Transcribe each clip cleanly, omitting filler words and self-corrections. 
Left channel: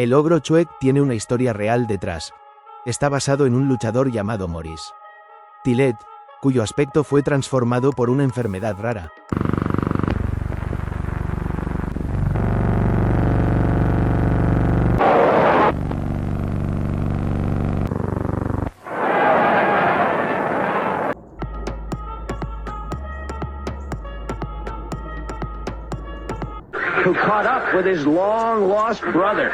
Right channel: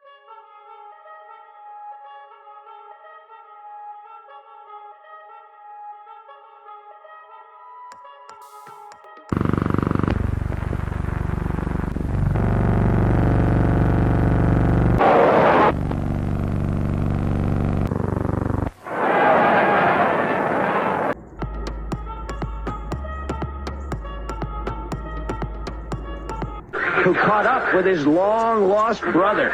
El ogro Chuek tiene una historia real detrás. Está basado en un luchador llamado Maurice Tillet, cuyo aspecto fue transformado por una enfermedad rara. Who caught up with his long-lost brother.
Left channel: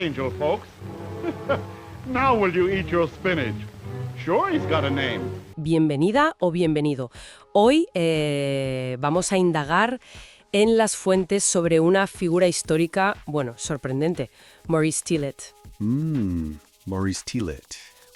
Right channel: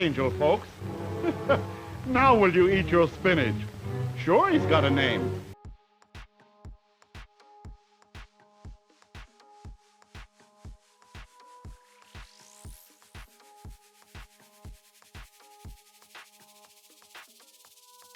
Angel, folks. Now will you eat your spinach? Sure, he's got a name. Bienvenida o bienvenido. Hoy vamos a indagar en las fuentes sobre una figura histórica, bueno, sorprendente, Maurice Tillet, Maurice Tillet.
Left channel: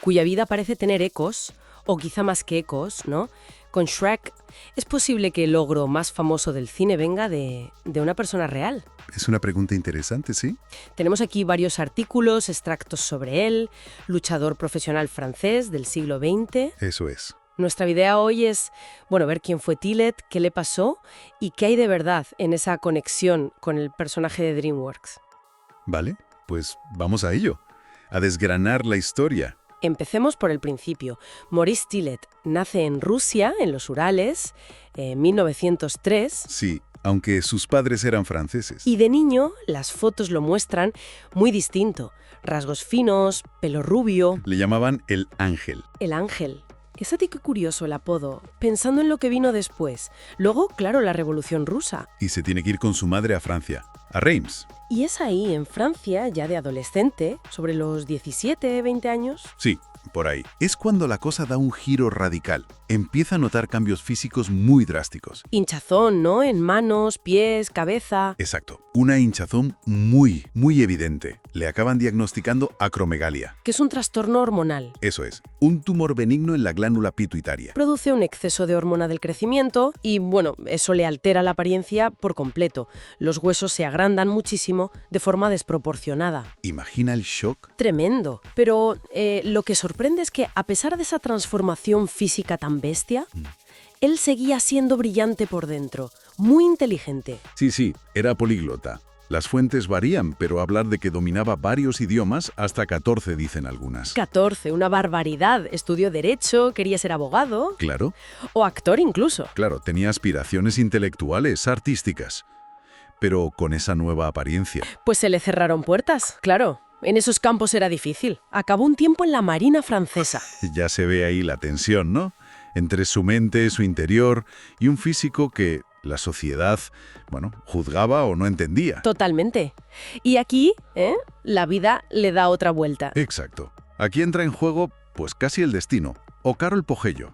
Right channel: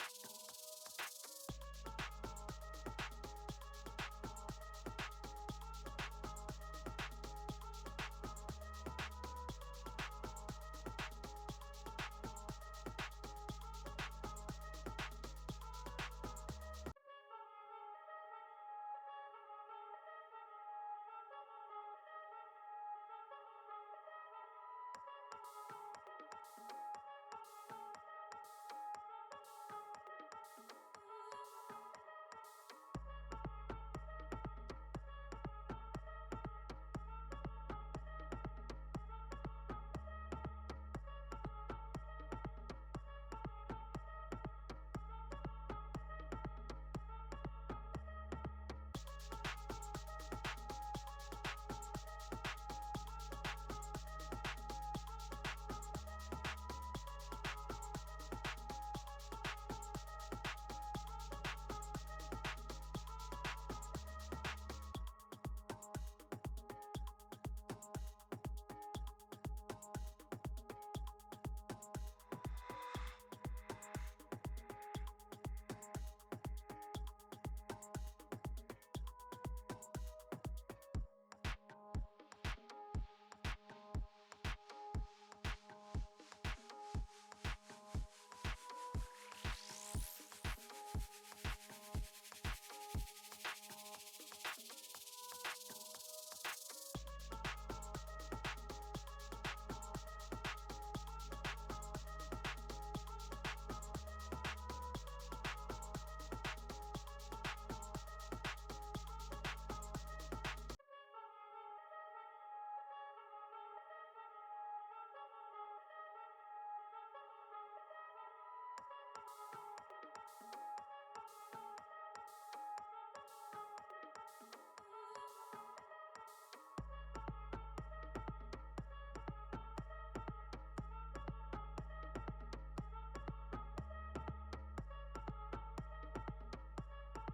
cuya vida parece tener ecos, o quizá más que ecos, ¿no? Con Shrek, ¿es posible que el ogro más famoso del cine venga de una persona real? Es una pregunta interesante, ¿sí? Tenemos aquí varios artículos, extractos sobre él, luchador profesional francés del siglo XX. Eso es. Nuestra idea hoy es, bueno, ver quién fue Tillet, qué le pasó y qué hay de verdad en esa conexión con el personaje de DreamWorks. Vale, pues vamos a ello. A desgranar la historia. Empecemos por el principio. Maurice Tillet nace en Rusia, en los Urales, en 1903. Sí, aunque sus padres eran franceses. Y de niño, las fotos lo muestran muy distinto. Rasgos finos, pelo rubio. Le llamaban el Ángel. El ángel. Es a ti qué curioso el apodo, pensando en lo que vino después. Luego, claro, la Revolución Rusa. Y se tiene que ir con su madre a Francia, a Reims. Y es ahí, en Francia, ya de adolescente, sobre los 17, 20 años. Sí, por ahí. Es cuando la cosa da un giro radical. Empieza a notar cambios físicos muy drásticos. Hinchazón, ¿no? En manos, pies, cabeza. Exacto. Una hinchazón muy evidente. Le acaban diagnosticando acromegalia. Que es un trastorno hormonal. Eso es, un tumor benigno en la glándula pituitaria. Produce un exceso de hormona del crecimiento y, bueno, eso le altera la apariencia por completo. Los huesos se agrandan muchísimo de forma desproporcionada. Imagina el shock. Tremendo. Pero lo que sorprende es que, a pesar de esa transformación física tan bestia, él seguía siendo brillante por dentro, muy inteligente. Sí, era políglota. Las fuentes varían, pero hablar de que dominaba varios idiomas, hasta 14 dicen algunas. 14, una barbaridad. Estudió Derecho, quería ser abogado Claro, o actor incluso. claro, tenía aspiraciones intelectuales, artísticas. Pero con esa nueva apariencia. Pues se le cerraron puertas, claro. En esos campos era difícil. Acabó un tiempo en la Marina francesa. Ya se ve ahí la tensión, ¿no? Entre su mente, su interior y un físico que la sociedad, juzgaba o no entendía. Totalmente. Y aquí, la vida le da otra vuelta. Exacto. Aquí entra en juego, pues casi el destino. O Karol Pogello,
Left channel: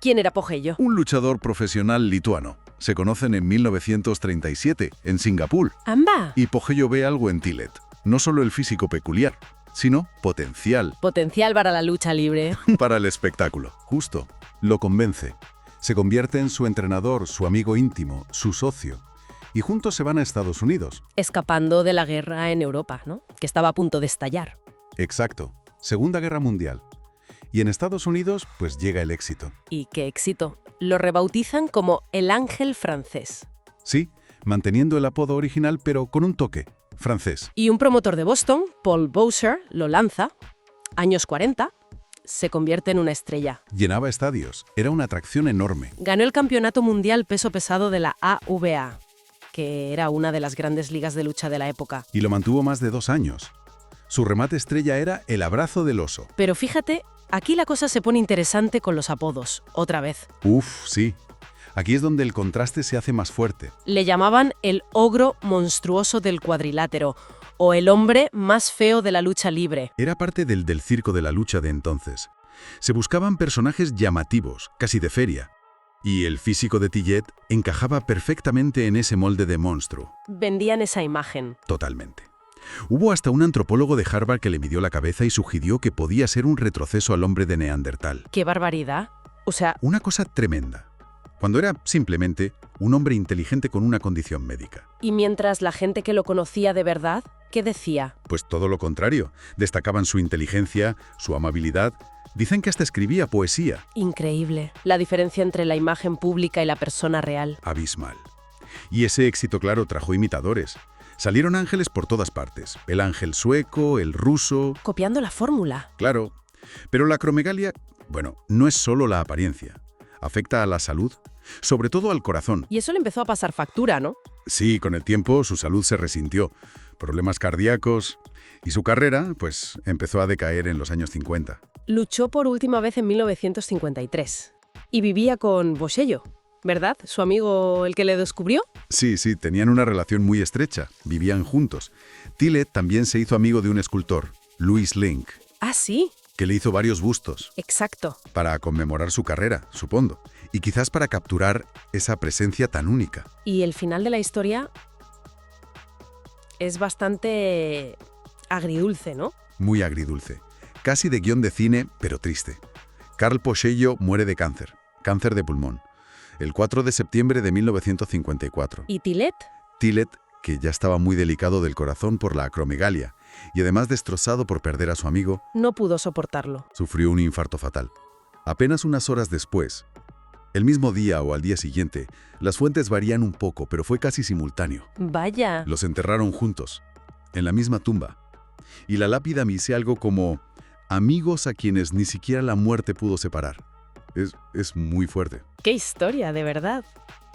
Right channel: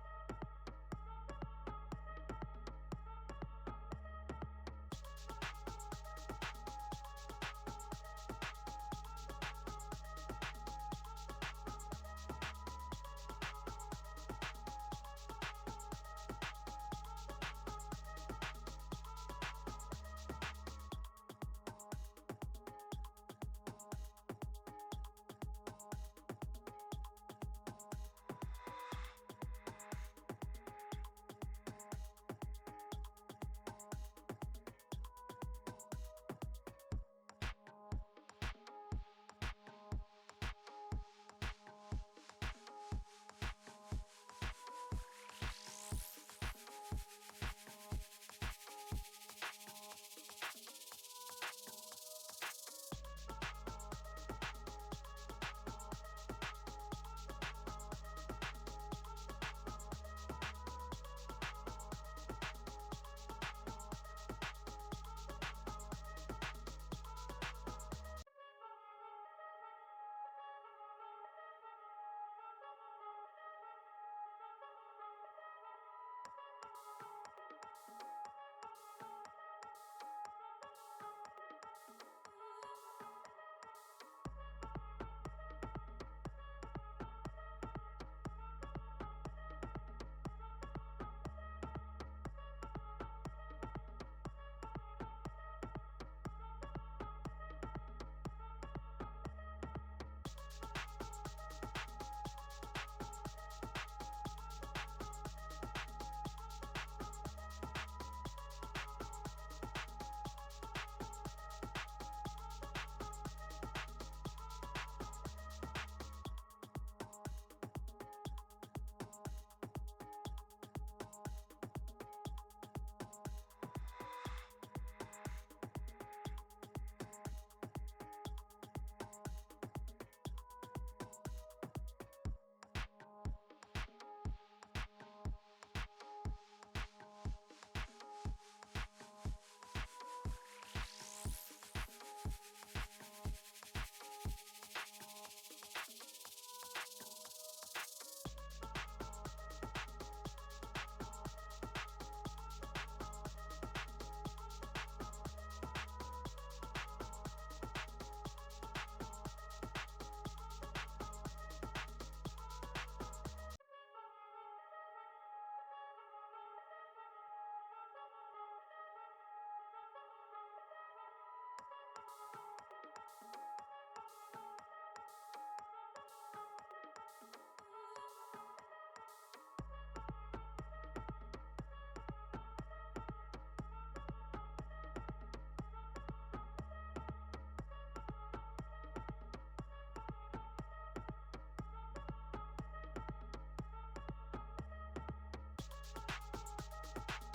¿Quién era Pogello? un luchador profesional lituano. Se conocen en 1937, en Singapur. ¡Amba! Y Pogello ve algo en Tillet. No solo el físico peculiar, sino potencial Potencial para la lucha libre. para el espectáculo. Justo. Lo convence. Se convierte en su entrenador, su amigo íntimo, su socio. Y juntos se van a Estados Unidos. Escapando de la guerra en Europa, ¿no? Que estaba a punto de estallar. Exacto. Segunda Guerra Mundial. Y en Estados Unidos, pues llega el éxito. Y qué éxito. Lo rebautizan como el ángel francés. Sí, manteniendo el apodo original, pero con un toque francés. Y un promotor de Boston, Paul Bowser, lo lanza. Años 40, se convierte en una estrella. Llenaba estadios. Era una atracción enorme. Ganó el campeonato mundial peso pesado de la AVA, que era una de las grandes ligas de lucha de la época. Y lo mantuvo más de 2 años. Su remate estrella era el abrazo del oso. Pero fíjate, aquí la cosa se pone interesante con los apodos, otra vez. Uf, sí. Aquí es donde el contraste se hace más fuerte. Le llamaban el ogro monstruoso del cuadrilátero o el hombre más feo de la lucha libre. Era parte del circo de la lucha de entonces. Se buscaban personajes llamativos, casi de feria. Y el físico de Tillet encajaba perfectamente en ese molde de monstruo. Vendían esa imagen. Totalmente. Hubo hasta un antropólogo de Harvard que le midió la cabeza y sugirió que podía ser un retroceso al hombre de Neandertal. ¡Qué barbaridad! O sea, Una cosa tremenda. Cuando era simplemente un hombre inteligente con una condición médica. y mientras la gente que lo conocía de verdad, ¿qué decía? Pues todo lo contrario. Destacaban su inteligencia, su amabilidad. Dicen que hasta escribía poesía. Increíble. La diferencia entre la imagen pública y la persona real. Abismal. Y ese éxito, claro, trajo imitadores. Salieron ángeles por todas partes. El ángel sueco, el ruso... Copiando la fórmula. Claro. Pero la acromegalia, bueno, no es solo la apariencia. Afecta a la salud, sobre todo al corazón. Y eso le empezó a pasar factura, ¿no? Sí, con el tiempo su salud se resintió. Problemas cardíacos... Y su carrera, pues, empezó a decaer en los años 50. Luchó por última vez en 1953. Y vivía con Bosello, ¿verdad? Su amigo, el que le descubrió. Sí, tenían una relación muy estrecha. Vivían juntos. Tillet también se hizo amigo de un escultor, Louis Link, Ah, sí, que le hizo varios bustos exacto. para conmemorar su carrera, supongo. Y quizás para capturar esa presencia tan única. Y el final de la historia es bastante agridulce, ¿no? Muy agridulce. Casi de guión de cine, pero triste. Carl Bosello muere de cáncer de pulmón, el 4 de septiembre de 1954. ¿Y Tillet? Tillet, que ya estaba muy delicado del corazón por la acromegalia y además destrozado por perder a su amigo, No pudo soportarlo. sufrió un infarto fatal. Apenas unas horas después, el mismo día o al día siguiente, las fuentes varían un poco, pero fue casi simultáneo. Vaya. Los enterraron juntos, en la misma tumba. Y la lápida dice algo como, amigos a quienes ni siquiera la muerte pudo separar. Es muy fuerte. ¡Qué historia, de verdad!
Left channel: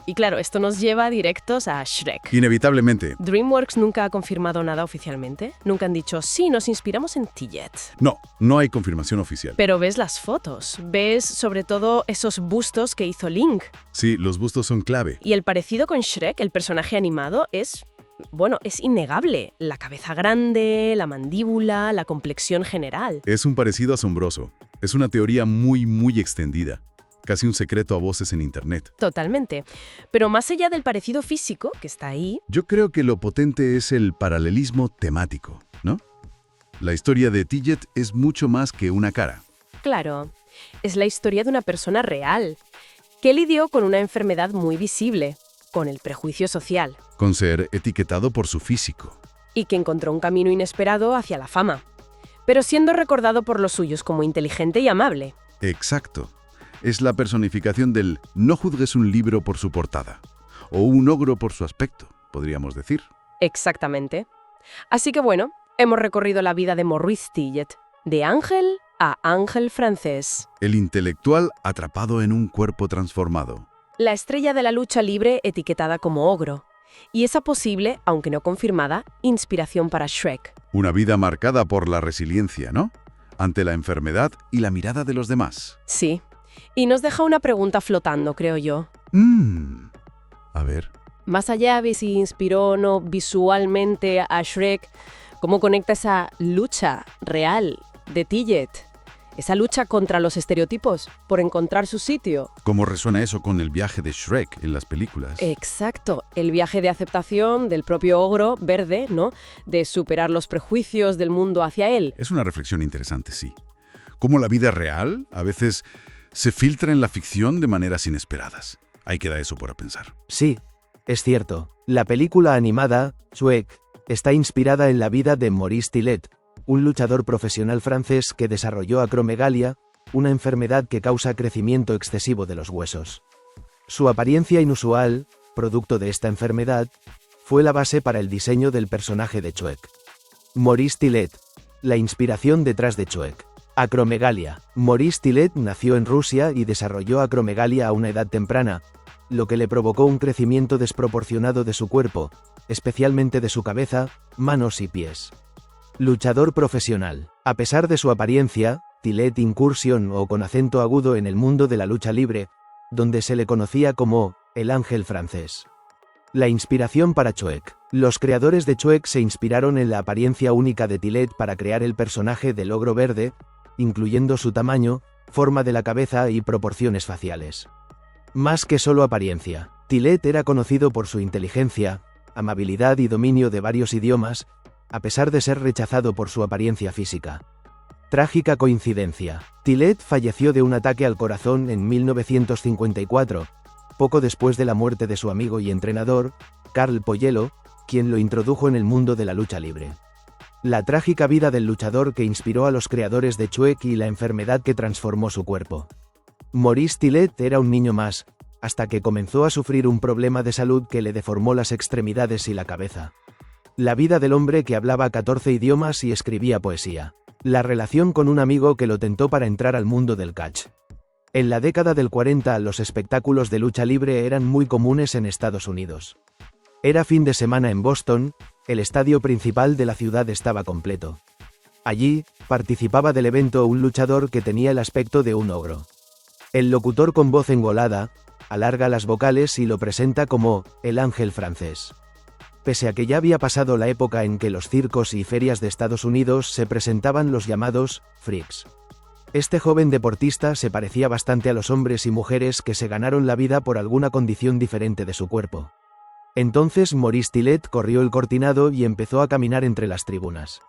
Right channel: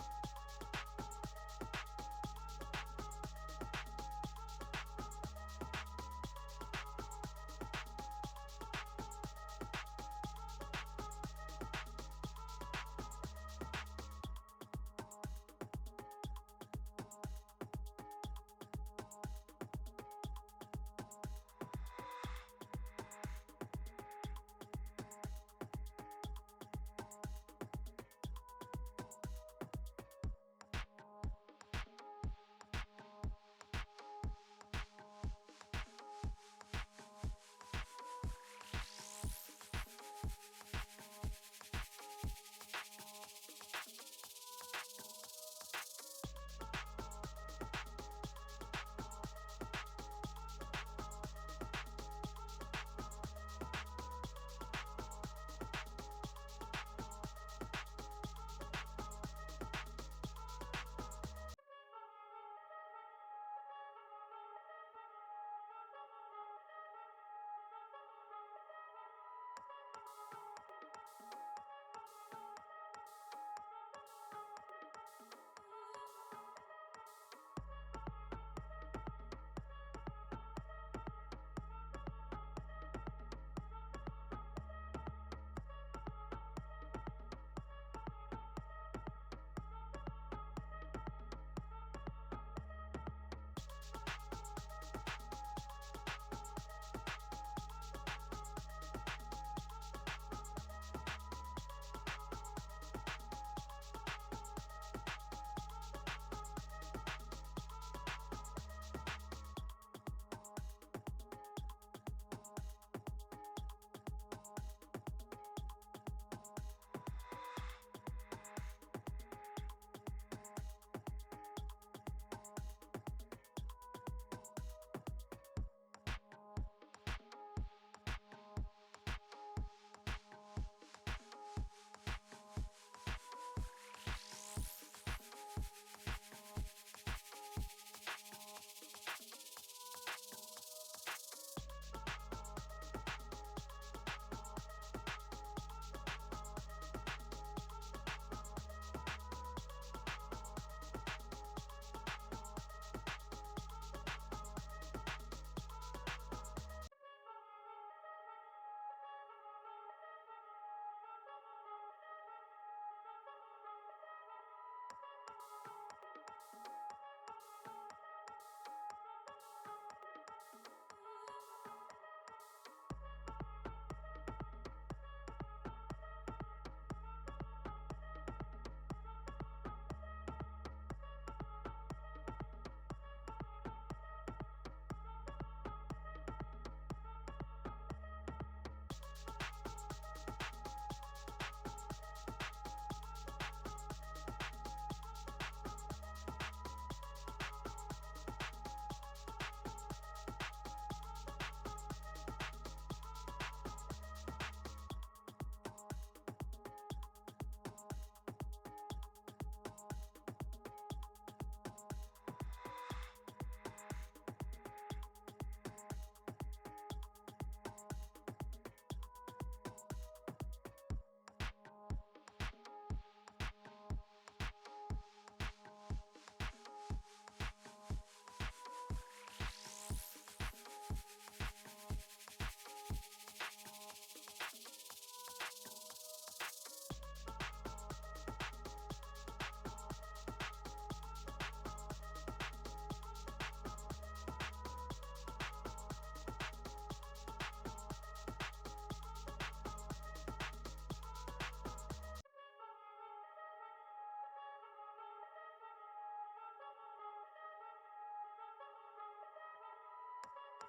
Y claro, esto nos lleva directos a Shrek. Inevitablemente, DreamWorks nunca ha confirmado nada oficialmente. Nunca han dicho, sí, nos inspiramos en Tillet. no hay confirmación oficial. Pero ves las fotos, ves sobre todo esos bustos que hizo Link. Sí, los bustos son clave. Y el parecido con Shrek, el personaje animado, es innegable. La cabeza grande, la mandíbula, la complexión general. Es un parecido asombroso. Es una teoría muy extendida. Casi un secreto a voces en Internet. Totalmente. Pero más allá del parecido físico, que está ahí, Yo creo que lo potente es el paralelismo temático, ¿no? La historia de Tillet es mucho más que una cara. claro, es la historia de una persona real, que lidió con una enfermedad muy visible, con el prejuicio social, Con ser etiquetado por su físico. y que encontró un camino inesperado hacia la fama, pero siendo recordado por los suyos como inteligente y amable. Exacto. Es la personificación del no juzgues un libro por su portada. O un ogro por su aspecto, podríamos decir. Exactamente. Así que bueno, hemos recorrido la vida de Maurice Tillet, de ángel a ángel francés. El intelectual atrapado en un cuerpo transformado. La estrella de la lucha libre etiquetada como ogro. Y esa posible, aunque no confirmada, inspiración para Shrek. Una vida marcada por la resiliencia, ¿no? Ante la enfermedad y la mirada de los demás. Sí. Y nos deja una pregunta flotando, creo yo. A ver. Más allá de si inspiró o no visualmente a Shrek, ¿cómo conecta esa lucha real de Tillet? Esa lucha contra los estereotipos, por encontrar su sitio. ¿Cómo resuena eso con el viaje de Shrek en las películas? Exacto, el viaje de aceptación del propio ogro verde, ¿no? De superar los prejuicios del mundo hacia él. Es una reflexión interesante, sí. Cómo la vida real a veces se filtra en la ficción de maneras inesperadas. Ahí queda eso por pensar. Sí, es cierto. La película animada, Shrek, está inspirada en la vida de Maurice Tillet, un luchador profesional francés que desarrolló acromegalia, una enfermedad que causa crecimiento excesivo de los huesos. Su apariencia inusual, producto de esta enfermedad, fue la base para el diseño del personaje de Shrek. Maurice Tillet, la inspiración detrás de Shrek. Acromegalia. Maurice Tillet nació en Rusia y desarrolló acromegalia a una edad temprana, lo que le provocó un crecimiento desproporcionado de su cuerpo, especialmente de su cabeza, manos y pies. Luchador profesional. A pesar de su apariencia, Tillet incursionó con acento agudo en el mundo de la lucha libre, donde se le conocía como el ángel francés. La inspiración para Shrek. Los creadores de Shrek se inspiraron en la apariencia única de Tillet para crear el personaje del ogro verde, incluyendo su tamaño, forma de la cabeza y proporciones faciales. Más que solo apariencia, Tillet era conocido por su inteligencia, amabilidad y dominio de varios idiomas, a pesar de ser rechazado por su apariencia física. Trágica coincidencia. Tillet falleció de un ataque al corazón en 1954, poco después de la muerte de su amigo y entrenador, Carl Poyelo, quien lo introdujo en el mundo de la lucha libre. La trágica vida del luchador que inspiró a los creadores de Chuek y la enfermedad que transformó su cuerpo. Maurice Tillet era un niño más, hasta que comenzó a sufrir un problema de salud que le deformó las extremidades y la cabeza. La vida del hombre que hablaba 14 idiomas y escribía poesía. La relación con un amigo que lo tentó para entrar al mundo del catch. En la década del 40 los espectáculos de lucha libre eran muy comunes en Estados Unidos. Era fin de semana en Boston, el estadio principal de la ciudad estaba completo. Allí, participaba del evento un luchador que tenía el aspecto de un ogro. El locutor con voz engolada, alarga las vocales y lo presenta como el ángel francés. Pese a que ya había pasado la época en que los circos y ferias de Estados Unidos se presentaban los llamados freaks. Este joven deportista se parecía bastante a los hombres y mujeres que se ganaron la vida por alguna condición diferente de su cuerpo. Entonces Maurice Tillet corrió el cortinado y empezó a caminar entre las tribunas.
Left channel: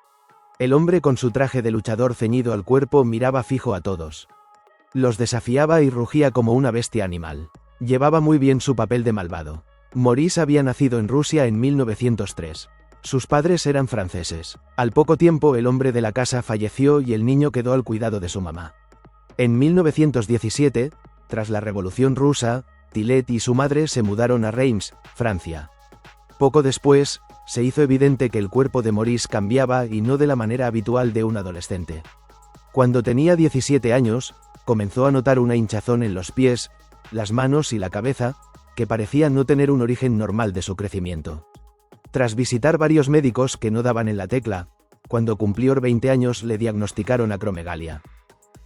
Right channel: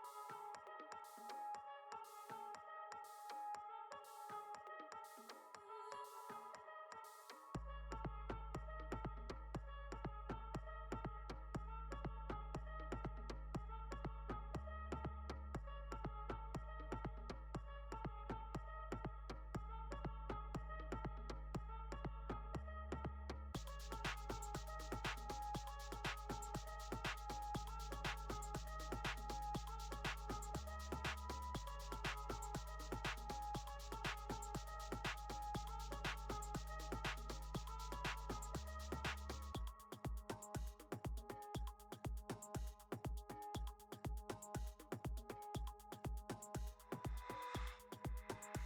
El hombre con su traje de luchador ceñido al cuerpo miraba fijo a todos. Los desafiaba y rugía como una bestia animal. Llevaba muy bien su papel de malvado. Maurice había nacido en Rusia en 1903. Sus padres eran franceses. Al poco tiempo el hombre de la casa falleció y el niño quedó al cuidado de su mamá. En 1917, tras la Revolución Rusa, Tillet y su madre se mudaron a Reims, Francia. Poco después, se hizo evidente que el cuerpo de Maurice cambiaba y no de la manera habitual de un adolescente. Cuando tenía 17 años, comenzó a notar una hinchazón en los pies, las manos y la cabeza, que parecía no tener un origen normal de su crecimiento. Tras visitar varios médicos que no daban en la tecla, cuando cumplió 20 años le diagnosticaron acromegalia.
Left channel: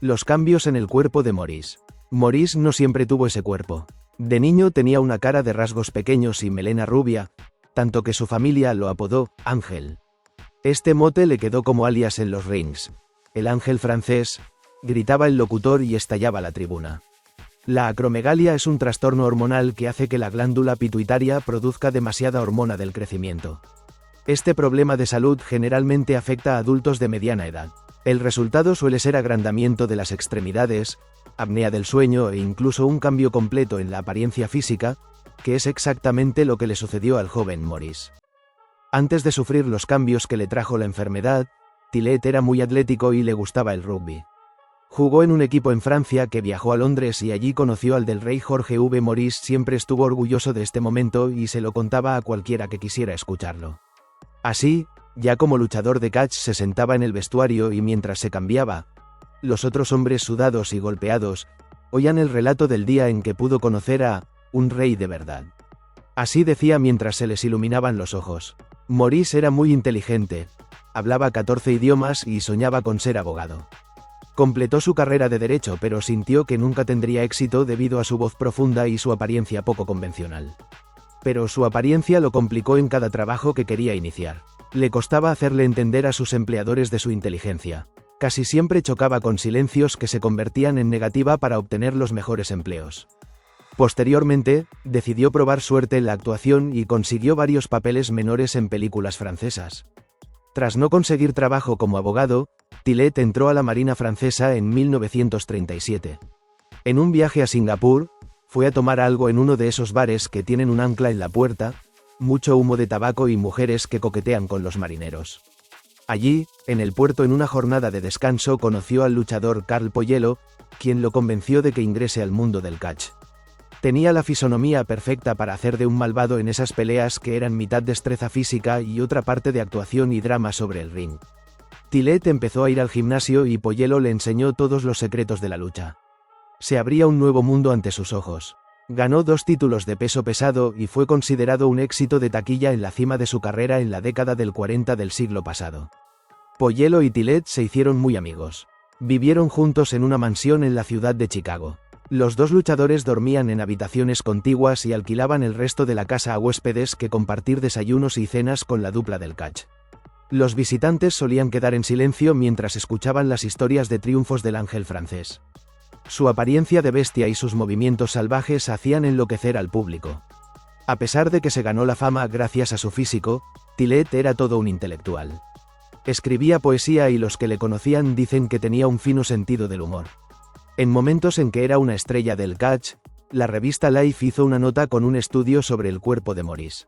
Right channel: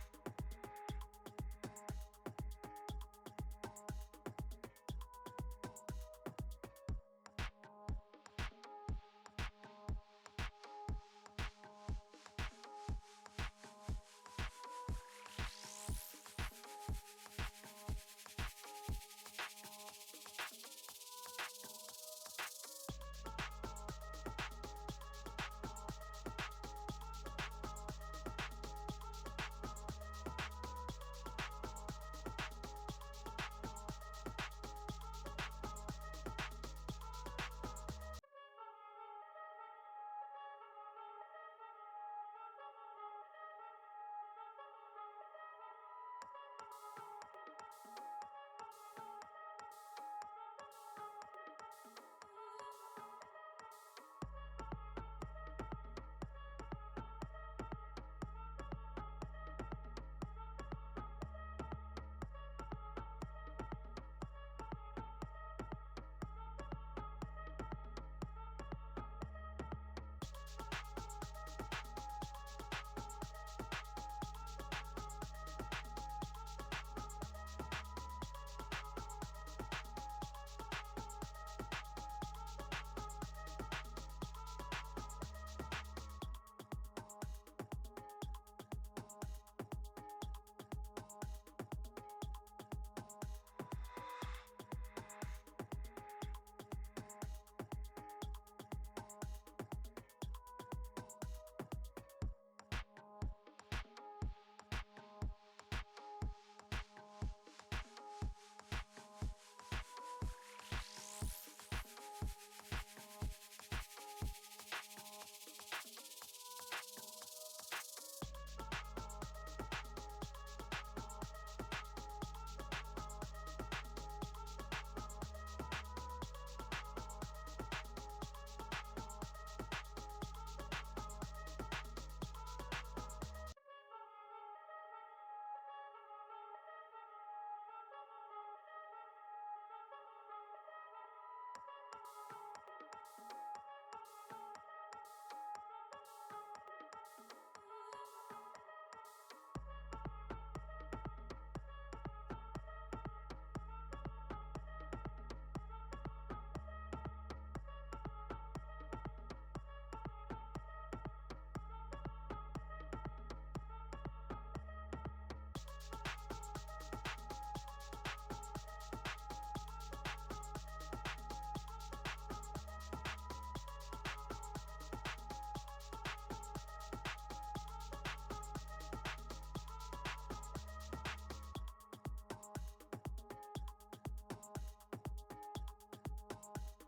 Los cambios en el cuerpo de Maurice. Maurice no siempre tuvo ese cuerpo. De niño tenía una cara de rasgos pequeños y melena rubia, tanto que su familia lo apodó Ángel. Este mote le quedó como alias en los rings. El ángel francés, gritaba el locutor y estallaba la tribuna. La acromegalia es un trastorno hormonal que hace que la glándula pituitaria produzca demasiada hormona del crecimiento. Este problema de salud generalmente afecta a adultos de mediana edad. El resultado suele ser agrandamiento de las extremidades, apnea del sueño e incluso un cambio completo en la apariencia física, que es exactamente lo que le sucedió al joven Maurice. Antes de sufrir los cambios que le trajo la enfermedad, Tillet era muy atlético y le gustaba el rugby. Jugó en un equipo en Francia que viajó a Londres y allí conoció al del rey Jorge V. Maurice siempre estuvo orgulloso de este momento y se lo contaba a cualquiera que quisiera escucharlo. Así, ya como luchador de catch se sentaba en el vestuario y mientras se cambiaba, los otros hombres sudados y golpeados oían el relato del día en que pudo conocer a un rey de verdad. Así decía mientras se les iluminaban los ojos. Maurice era muy inteligente, hablaba 14 idiomas y soñaba con ser abogado. Completó su carrera de derecho pero sintió que nunca tendría éxito debido a su voz profunda y su apariencia poco convencional. Pero su apariencia lo complicó en cada trabajo que quería iniciar. Le costaba hacerle entender a sus empleadores de su inteligencia. Casi siempre chocaba con silencios que se convertían en negativa para obtener los mejores empleos. Posteriormente, decidió probar suerte en la actuación y consiguió varios papeles menores en películas francesas. Tras no conseguir trabajo como abogado, Tillet entró a la Marina francesa en 1937. En un viaje a Singapur, fue a tomar algo en uno de esos bares que tienen un ancla en la puerta, mucho humo de tabaco y mujeres que coquetean con los marineros. Allí, en el puerto en una jornada de descanso conoció al luchador Carl Poyelo, quien lo convenció de que ingrese al mundo del catch. Tenía la fisonomía perfecta para hacer de un malvado en esas peleas que eran mitad destreza física y otra parte de actuación y drama sobre el ring. Tillet empezó a ir al gimnasio y Poyelo le enseñó todos los secretos de la lucha. Se abría un nuevo mundo ante sus ojos. Ganó 2 títulos de peso pesado y fue considerado un éxito de taquilla en la cima de su carrera en la década del 40 del siglo pasado. Poyelo y Tillet se hicieron muy amigos. Vivieron juntos en una mansión en la ciudad de Chicago. Los dos luchadores dormían en habitaciones contiguas y alquilaban el resto de la casa a huéspedes que compartir desayunos y cenas con la dupla del catch. Los visitantes solían quedar en silencio mientras escuchaban las historias de triunfos del ángel francés. Su apariencia de bestia y sus movimientos salvajes hacían enloquecer al público. A pesar de que se ganó la fama gracias a su físico, Tillet era todo un intelectual. Escribía poesía y los que le conocían dicen que tenía un fino sentido del humor. En momentos en que era una estrella del catch, la revista Life hizo una nota con un estudio sobre el cuerpo de Maurice.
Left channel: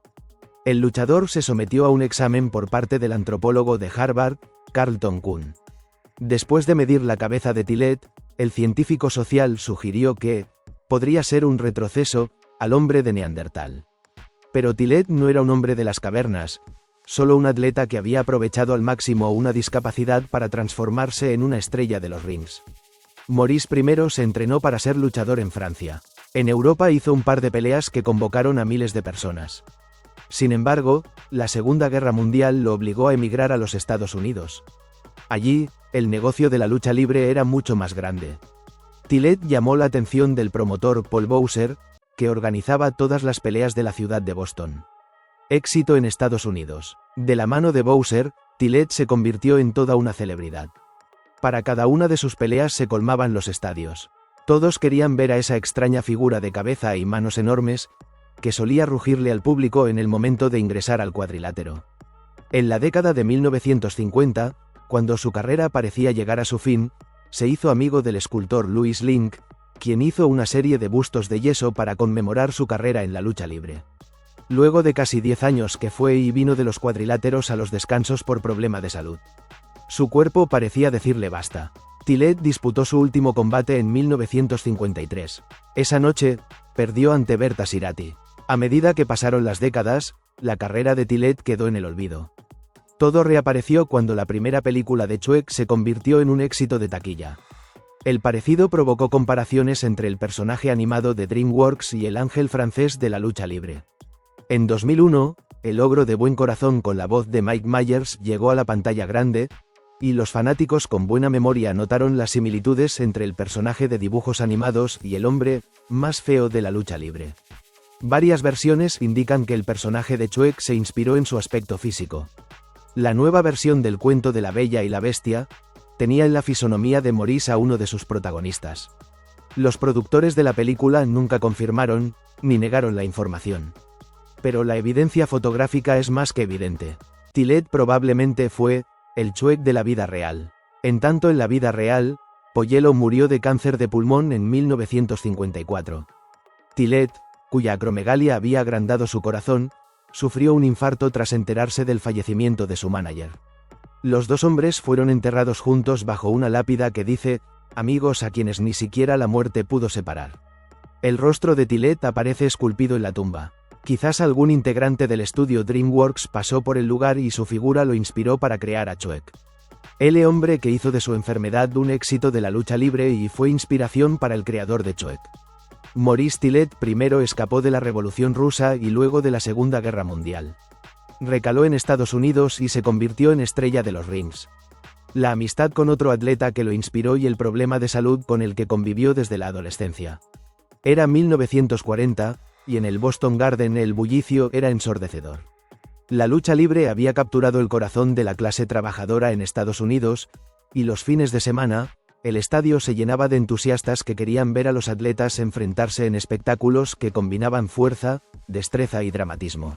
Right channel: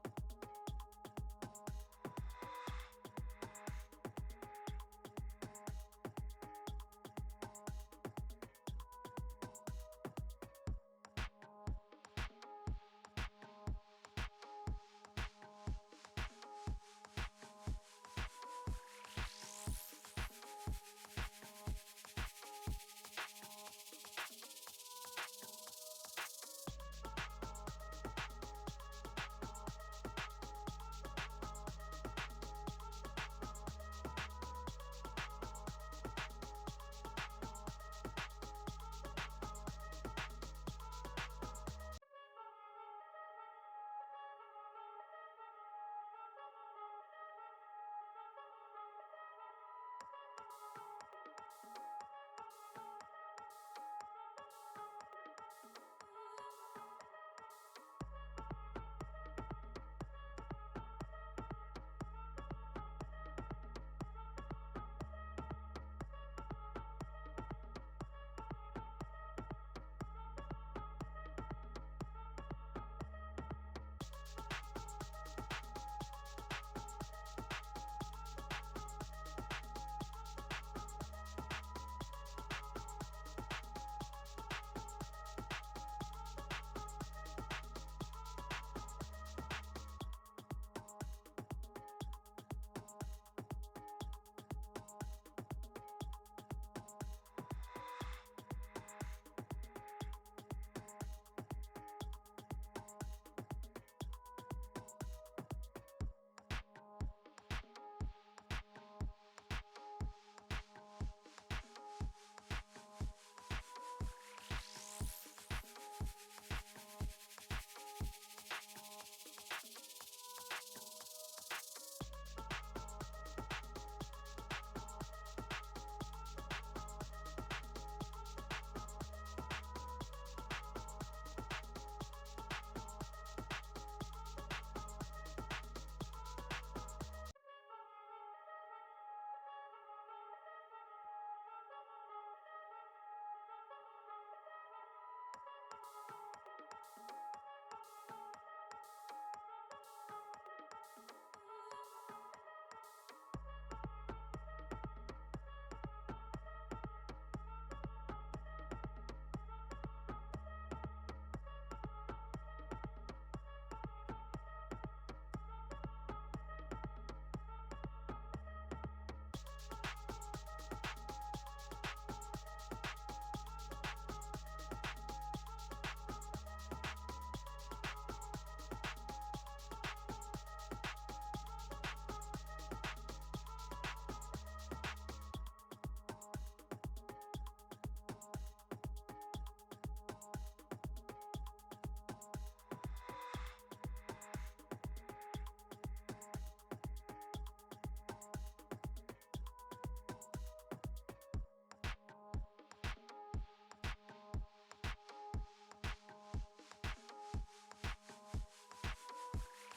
El luchador se sometió a un examen por parte del antropólogo de Harvard, Carlton Kuhn. Después de medir la cabeza de Tillet, el científico social sugirió que podría ser un retroceso al hombre de Neandertal. Pero Tillet no era un hombre de las cavernas, solo un atleta que había aprovechado al máximo una discapacidad para transformarse en una estrella de los rings. Maurice I se entrenó para ser luchador en Francia. En Europa hizo un par de peleas que convocaron a miles de personas. Sin embargo, la Segunda Guerra Mundial lo obligó a emigrar a los Estados Unidos. Allí, el negocio de la lucha libre era mucho más grande. Tillet llamó la atención del promotor Paul Bowser, que organizaba todas las peleas de la ciudad de Boston. Éxito en Estados Unidos. De la mano de Bowser, Tillet se convirtió en toda una celebridad. Para cada una de sus peleas se colmaban los estadios. Todos querían ver a esa extraña figura de cabeza y manos enormes, que solía rugirle al público en el momento de ingresar al cuadrilátero. En la década de 1950, cuando su carrera parecía llegar a su fin, se hizo amigo del escultor Louis Link, quien hizo una serie de bustos de yeso para conmemorar su carrera en la lucha libre. Luego de casi 10 años que fue y vino de los cuadriláteros a los descansos por problema de salud. Su cuerpo parecía decirle basta. Tillet disputó su último combate en 1953. Esa noche, perdió ante Berta Sirati. A medida que pasaron las décadas, la carrera de Tillet quedó en el olvido. Todo reapareció cuando la primera película de Shrek se convirtió en un éxito de taquilla. El parecido provocó comparaciones entre el personaje animado de DreamWorks y el ángel francés de la lucha libre. En 2001, el ogro de buen corazón con la voz de Mike Myers llegó a la pantalla grande, y los fanáticos con buena memoria notaron las similitudes entre el personaje de dibujos animados y el hombre más feo de la lucha libre. Varias versiones indican que el personaje de Shrek se inspiró en su aspecto físico. La nueva versión del cuento de la Bella y la Bestia tenía en la fisonomía de Maurice a uno de sus protagonistas. Los productores de la película nunca confirmaron ni negaron la información. Pero la evidencia fotográfica es más que evidente. Tillet probablemente fue el Shrek de la vida real. En tanto, en la vida real, Polluelo murió de cáncer de pulmón en 1954. Tillet, cuya acromegalia había agrandado su corazón, sufrió un infarto tras enterarse del fallecimiento de su manager. Los dos hombres fueron enterrados juntos bajo una lápida que dice, amigos a quienes ni siquiera la muerte pudo separar. El rostro de Tillet aparece esculpido en la tumba. Quizás algún integrante del estudio DreamWorks pasó por el lugar y su figura lo inspiró para crear a Shrek. El hombre que hizo de su enfermedad un éxito de la lucha libre y fue inspiración para el creador de Shrek. Maurice Tillet primero escapó de la Revolución Rusa y luego de la Segunda Guerra Mundial. Recaló en Estados Unidos y se convirtió en estrella de los rings. La amistad con otro atleta que lo inspiró y el problema de salud con el que convivió desde la adolescencia. Era 1940, y en el Boston Garden el bullicio era ensordecedor. La lucha libre había capturado el corazón de la clase trabajadora en Estados Unidos, y los fines de semana, el estadio se llenaba de entusiastas que querían ver a los atletas enfrentarse en espectáculos que combinaban fuerza, destreza y dramatismo.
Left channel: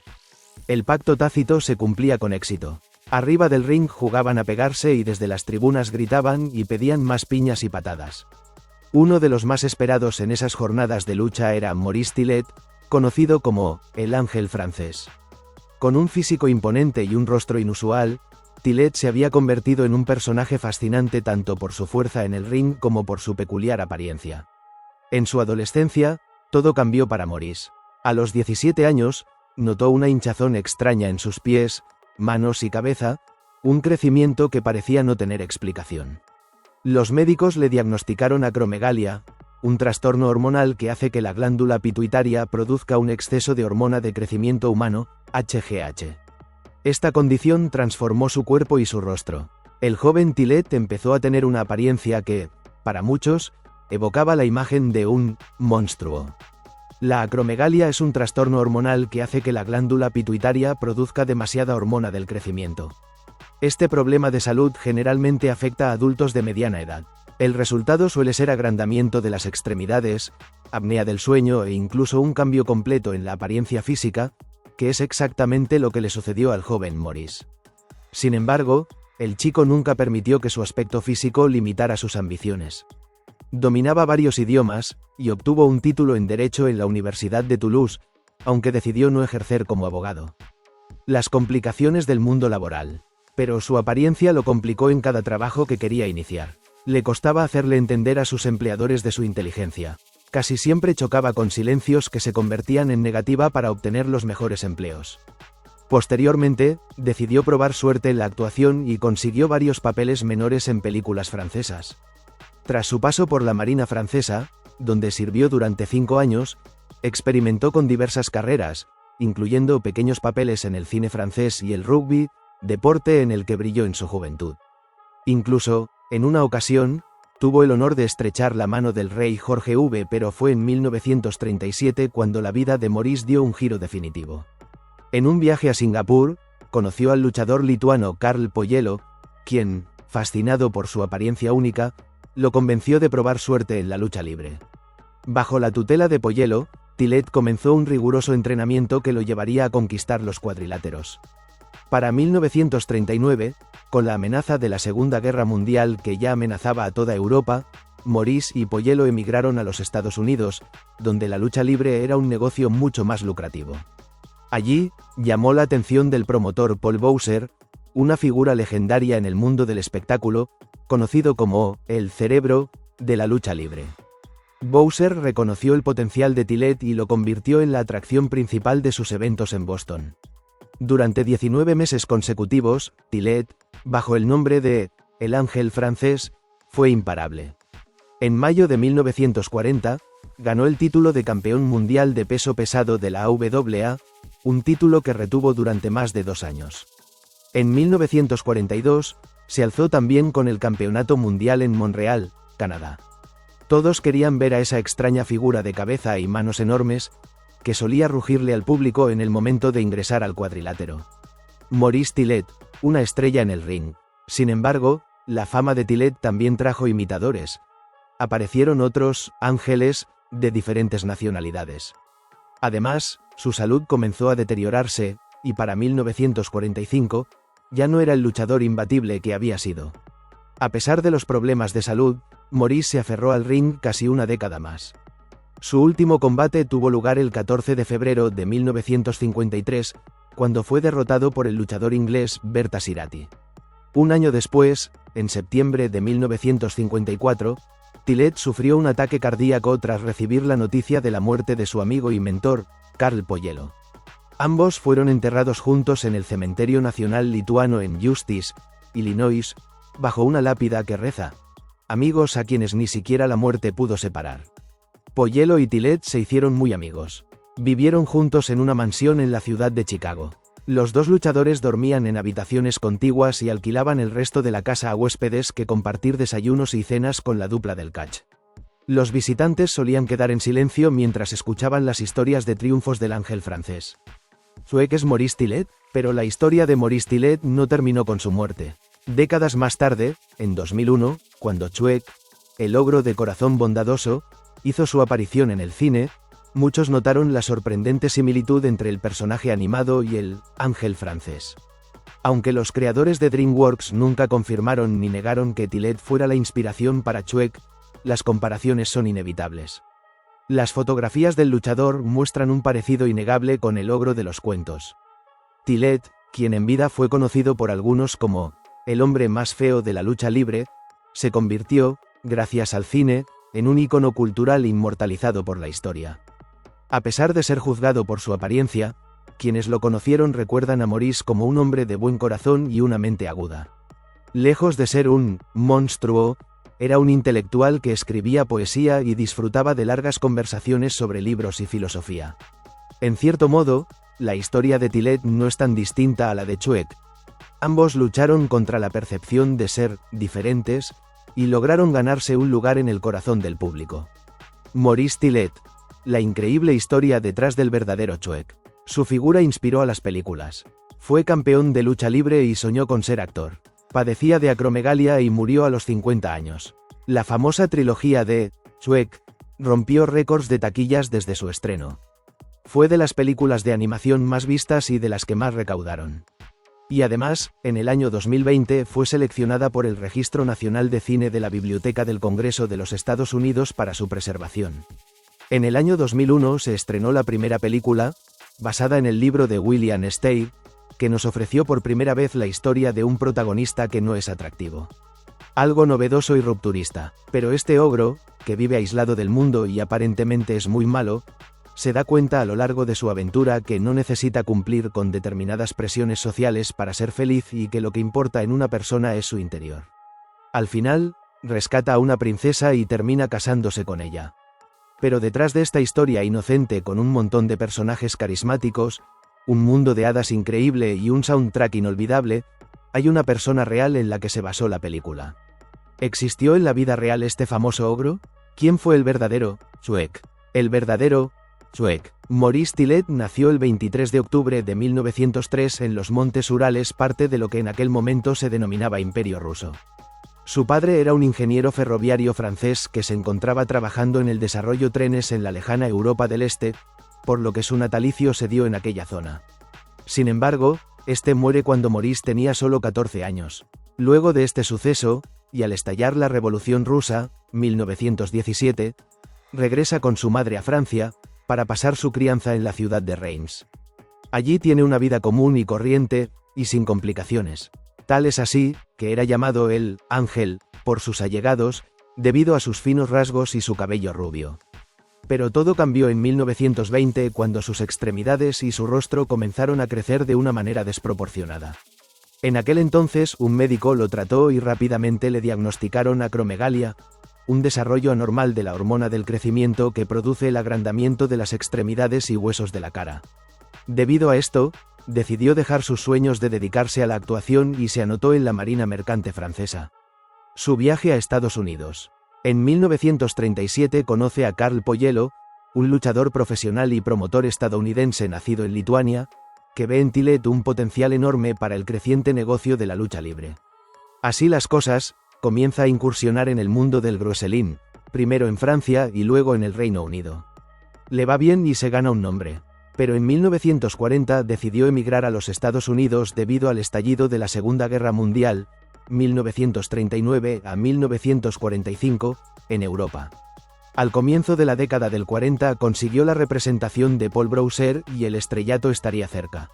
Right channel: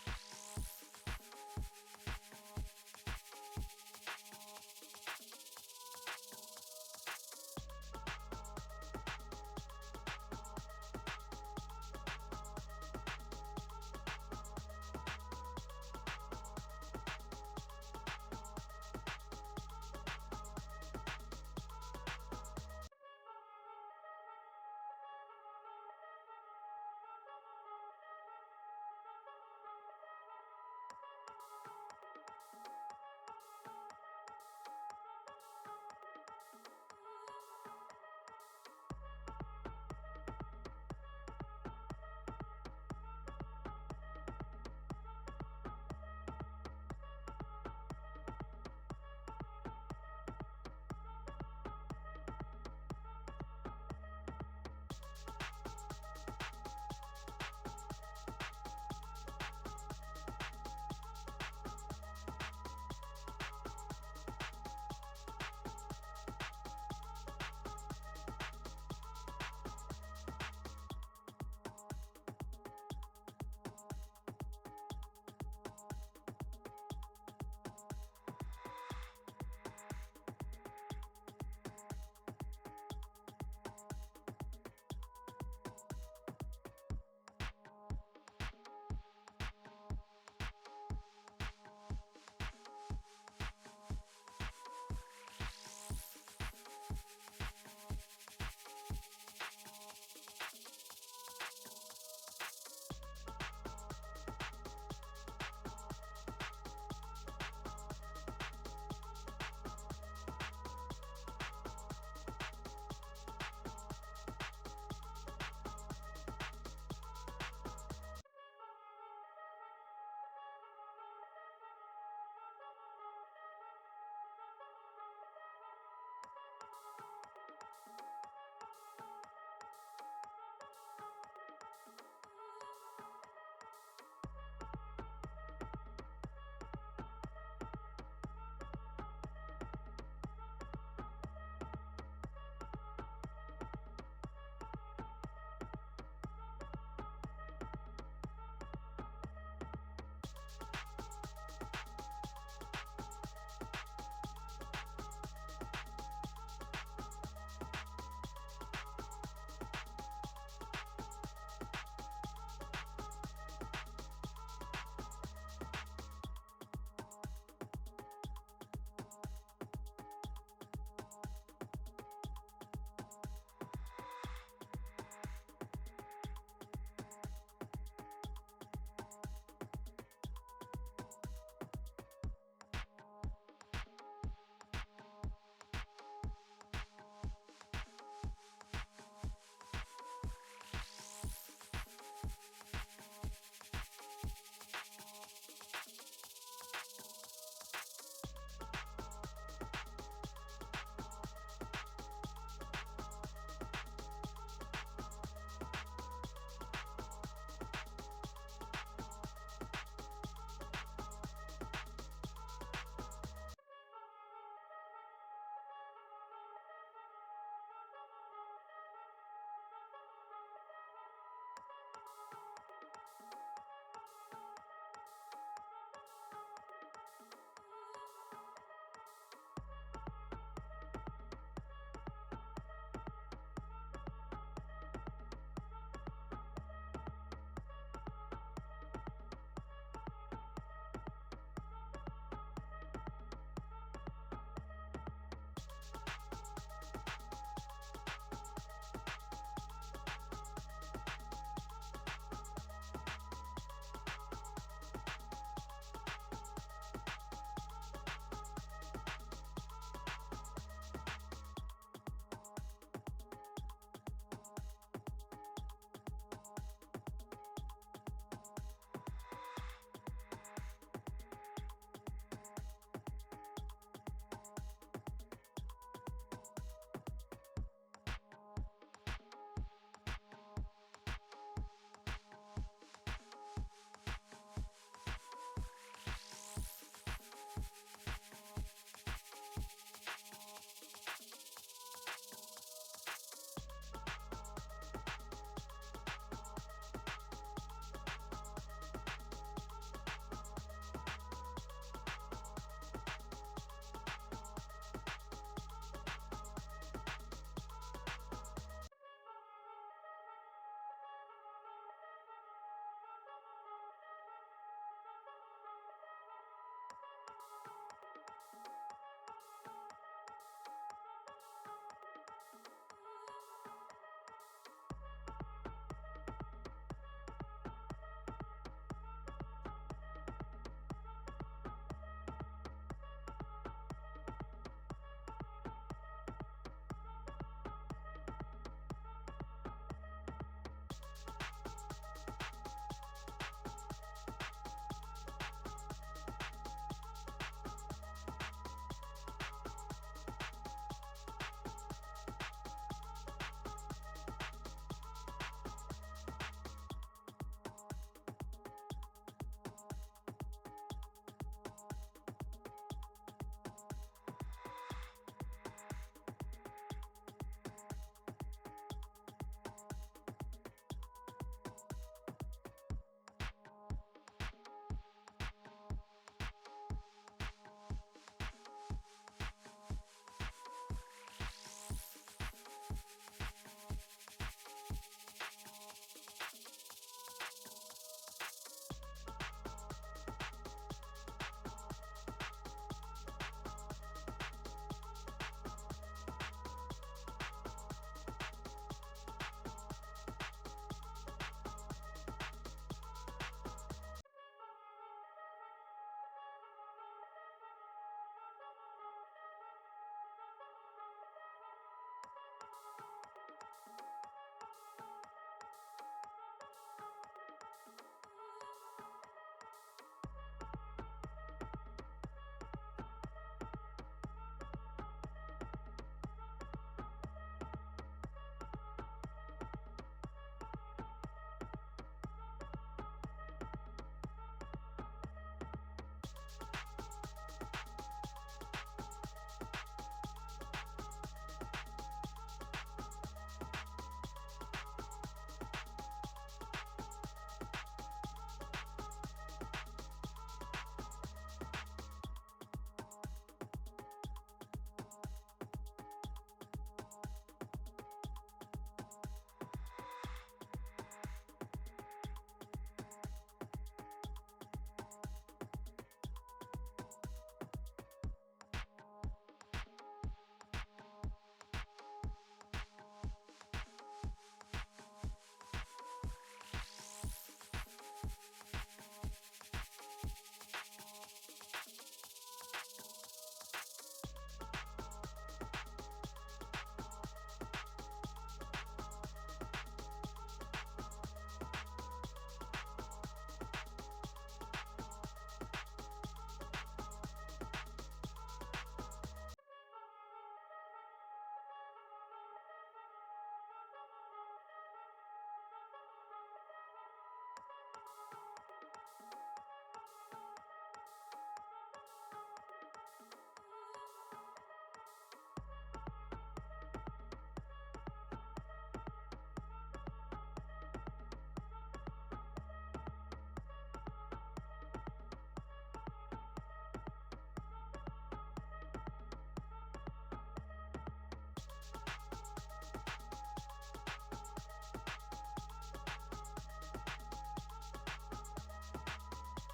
El pacto tácito se cumplía con éxito. Arriba del ring jugaban a pegarse y desde las tribunas gritaban y pedían más piñas y patadas. Uno de los más esperados en esas jornadas de lucha era Maurice Tillet, conocido como el ángel francés. Con un físico imponente y un rostro inusual, Tillet se había convertido en un personaje fascinante tanto por su fuerza en el ring como por su peculiar apariencia. En su adolescencia, todo cambió para Maurice. A los 17 años, notó una hinchazón extraña en sus pies, manos y cabeza, un crecimiento que parecía no tener explicación. Los médicos le diagnosticaron acromegalia, un trastorno hormonal que hace que la glándula pituitaria produzca un exceso de hormona de crecimiento humano, HGH. Esta condición transformó su cuerpo y su rostro. El joven Tillet empezó a tener una apariencia que, para muchos, evocaba la imagen de un monstruo. La acromegalia es un trastorno hormonal que hace que la glándula pituitaria produzca demasiada hormona del crecimiento. Este problema de salud generalmente afecta a adultos de mediana edad. El resultado suele ser agrandamiento de las extremidades, apnea del sueño e incluso un cambio completo en la apariencia física, que es exactamente lo que le sucedió al joven Maurice. Sin embargo, el chico nunca permitió que su aspecto físico limitara sus ambiciones. Dominaba varios idiomas, y obtuvo un título en Derecho en la Universidad de Toulouse, aunque decidió no ejercer como abogado. Las complicaciones del mundo laboral. Pero su apariencia lo complicó en cada trabajo que quería iniciar. Le costaba hacerle entender a sus empleadores de su inteligencia. Casi siempre chocaba con silencios que se convertían en negativa para obtener los mejores empleos. Posteriormente, decidió probar suerte en la actuación y consiguió varios papeles menores en películas francesas. Tras su paso por la Marina francesa, donde sirvió durante 5 años, experimentó con diversas carreras, incluyendo pequeños papeles en el cine francés y el rugby, deporte en el que brilló en su juventud. Incluso, en una ocasión, tuvo el honor de estrechar la mano del rey Jorge V, pero fue en 1937 cuando la vida de Maurice dio un giro definitivo. En un viaje a Singapur, conoció al luchador lituano Karl Poyelo, quien, fascinado por su apariencia única, lo convenció de probar suerte en la lucha libre. Bajo la tutela de Poyelo, Tillet comenzó un riguroso entrenamiento que lo llevaría a conquistar los cuadriláteros. Para 1939, con la amenaza de la Segunda Guerra Mundial que ya amenazaba a toda Europa, Maurice y Poyelo emigraron a los Estados Unidos, donde la lucha libre era un negocio mucho más lucrativo. Allí, llamó la atención del promotor Paul Bowser, una figura legendaria en el mundo del espectáculo, conocido como el cerebro de la lucha libre. Bowser reconoció el potencial de Tillet y lo convirtió en la atracción principal de sus eventos en Boston. Durante 19 meses consecutivos, Tillet, bajo el nombre de El Ángel francés, fue imparable. En mayo de 1940, ganó el título de campeón mundial de peso pesado de la AWA, un título que retuvo durante más de 2 años. En 1942, se alzó también con el Campeonato Mundial en Montreal, Canadá. Todos querían ver a esa extraña figura de cabeza y manos enormes, que solía rugirle al público en el momento de ingresar al cuadrilátero. Maurice Tillet, una estrella en el ring. Sin embargo, la fama de Tillet también trajo imitadores. Aparecieron otros ángeles de diferentes nacionalidades. Además, su salud comenzó a deteriorarse, y para 1945, ya no era el luchador imbatible que había sido. A pesar de los problemas de salud, Maurice se aferró al ring casi una década más. Su último combate tuvo lugar el 14 de febrero de 1953, cuando fue derrotado por el luchador inglés Berta Sirati. Un año después, en septiembre de 1954, Tillet sufrió un ataque cardíaco tras recibir la noticia de la muerte de su amigo y mentor, Karl Poyelo. Ambos fueron enterrados juntos en el Cementerio Nacional Lituano en Justice, Illinois, bajo una lápida que reza: amigos a quienes ni siquiera la muerte pudo separar. Poyelo y Tillet se hicieron muy amigos. Vivieron juntos en una mansión en la ciudad de Chicago. Los dos luchadores dormían en habitaciones contiguas y alquilaban el resto de la casa a huéspedes que compartir desayunos y cenas con la dupla del catch. Los visitantes solían quedar en silencio mientras escuchaban las historias de triunfos del ángel francés. Chuek es Maurice Tillet, pero la historia de Maurice Tillet no terminó con su muerte. Décadas más tarde, en 2001, cuando Chuek, el ogro de corazón bondadoso, hizo su aparición en el cine, muchos notaron la sorprendente similitud entre el personaje animado y el ángel francés. Aunque los creadores de DreamWorks nunca confirmaron ni negaron que Tillet fuera la inspiración para Chuek, las comparaciones son inevitables. Las fotografías del luchador muestran un parecido innegable con el ogro de los cuentos. Tillet, quien en vida fue conocido por algunos como el hombre más feo de la lucha libre, se convirtió, gracias al cine, en un ícono cultural inmortalizado por la historia. A pesar de ser juzgado por su apariencia, quienes lo conocieron recuerdan a Maurice como un hombre de buen corazón y una mente aguda. Lejos de ser un monstruo, era un intelectual que escribía poesía y disfrutaba de largas conversaciones sobre libros y filosofía. En cierto modo, la historia de Tillet no es tan distinta a la de Chuek. Ambos lucharon contra la percepción de ser diferentes y lograron ganarse un lugar en el corazón del público. Maurice Tillet, la increíble historia detrás del verdadero Chuek. Su figura inspiró a las películas. Fue campeón de lucha libre y soñó con ser actor. Padecía de acromegalia y murió a los 50 años. La famosa trilogía de Chuek rompió récords de taquillas desde su estreno. Fue de las películas de animación más vistas y de las que más recaudaron. Y además, en el año 2020 fue seleccionada por el Registro Nacional de Cine de la Biblioteca del Congreso de los Estados Unidos para su preservación. En el año 2001 se estrenó la primera película, basada en el libro de William Steig, que nos ofreció por primera vez la historia de un protagonista que no es atractivo. Algo novedoso y rupturista, pero este ogro, que vive aislado del mundo y aparentemente es muy malo, se da cuenta a lo largo de su aventura que no necesita cumplir con determinadas presiones sociales para ser feliz y que lo que importa en una persona es su interior. Al final, rescata a una princesa y termina casándose con ella. Pero detrás de esta historia inocente con un montón de personajes carismáticos, un mundo de hadas increíble y un soundtrack inolvidable, hay una persona real en la que se basó la película. ¿Existió en la vida real este famoso ogro? ¿Quién fue el verdadero Shrek? El verdadero Shrek. Maurice Tillet nació el 23 de octubre de 1903 en los Montes Urales, parte de lo que en aquel momento se denominaba Imperio Ruso. Su padre era un ingeniero ferroviario francés que se encontraba trabajando en el desarrollo trenes en la lejana Europa del Este, por lo que su natalicio se dio en aquella zona. Sin embargo, este muere cuando Maurice tenía solo 14 años. Luego de este suceso, y al estallar la Revolución Rusa, 1917, regresa con su madre a Francia, para pasar su crianza en la ciudad de Reims. Allí tiene una vida común y corriente, y sin complicaciones. Tal es así, que era llamado el Ángel por sus allegados, debido a sus finos rasgos y su cabello rubio. Pero todo cambió en 1920 cuando sus extremidades y su rostro comenzaron a crecer de una manera desproporcionada. En aquel entonces un médico lo trató y rápidamente le diagnosticaron acromegalia, un desarrollo anormal de la hormona del crecimiento que produce el agrandamiento de las extremidades y huesos de la cara. Debido a esto, decidió dejar sus sueños de dedicarse a la actuación y se anotó en la Marina Mercante francesa. Su viaje a Estados Unidos. En 1937 conoce a Carl Poyello, un luchador profesional y promotor estadounidense nacido en Lituania, que ve en Tillet un potencial enorme para el creciente negocio de la lucha libre. Así las cosas, comienza a incursionar en el mundo del wrestling, primero en Francia y luego en el Reino Unido. Le va bien y se gana un nombre, pero en 1940 decidió emigrar a los Estados Unidos debido al estallido de la Segunda Guerra Mundial, 1939 a 1945, en Europa. Al comienzo de la década del 40 consiguió la representación de Paul Browser y el estrellato estaría cerca.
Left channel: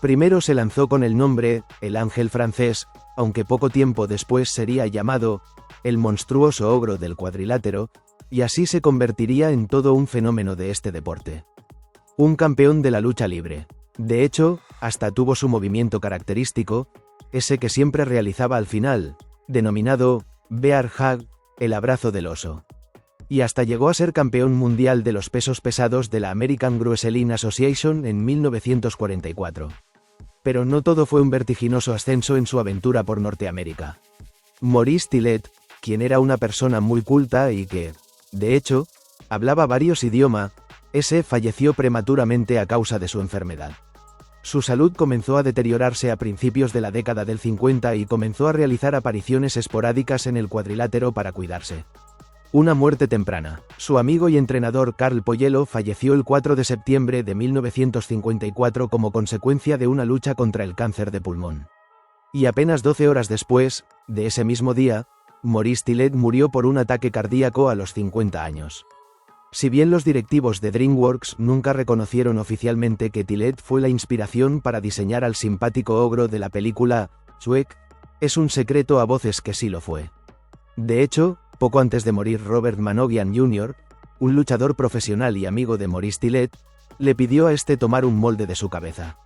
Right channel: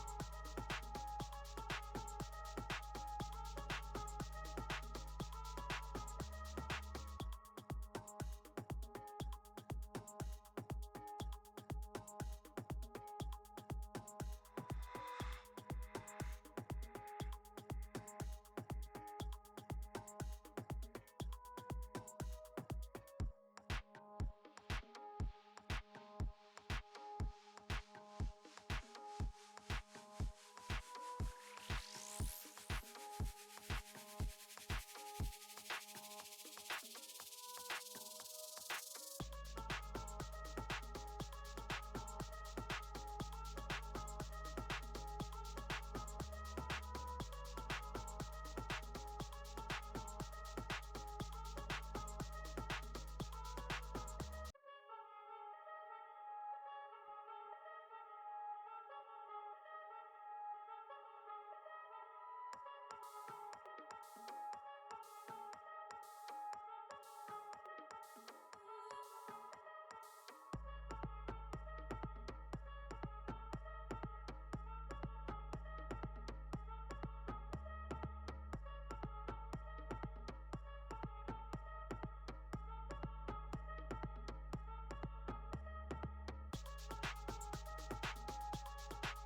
Primero se lanzó con el nombre El Ángel Francés, aunque poco tiempo después sería llamado El Monstruoso Ogro del Cuadrilátero, y así se convertiría en todo un fenómeno de este deporte. Un campeón de la lucha libre. De hecho, hasta tuvo su movimiento característico, ese que siempre realizaba al final, denominado Bear Hug, el abrazo del oso. Y hasta llegó a ser campeón mundial de los pesos pesados de la American Wrestling Association en 1944. Pero no todo fue un vertiginoso ascenso en su aventura por Norteamérica. Maurice Tillet, quien era una persona muy culta y que, de hecho, hablaba varios idiomas, falleció prematuramente a causa de su enfermedad. Su salud comenzó a deteriorarse a principios de la década del 50 y comenzó a realizar apariciones esporádicas en el cuadrilátero para cuidarse. Una muerte temprana. Su amigo y entrenador Carl Poyello falleció el 4 de septiembre de 1954 como consecuencia de una lucha contra el cáncer de pulmón. Y apenas 12 horas después, de ese mismo día, Maurice Tillet murió por un ataque cardíaco a los 50 años. Si bien los directivos de DreamWorks nunca reconocieron oficialmente que Tillet fue la inspiración para diseñar al simpático ogro de la película Shrek, es un secreto a voces que sí lo fue. De hecho, poco antes de morir Robert Manogian Jr., un luchador profesional y amigo de Maurice Tillet, le pidió a este tomar un molde de su cabeza.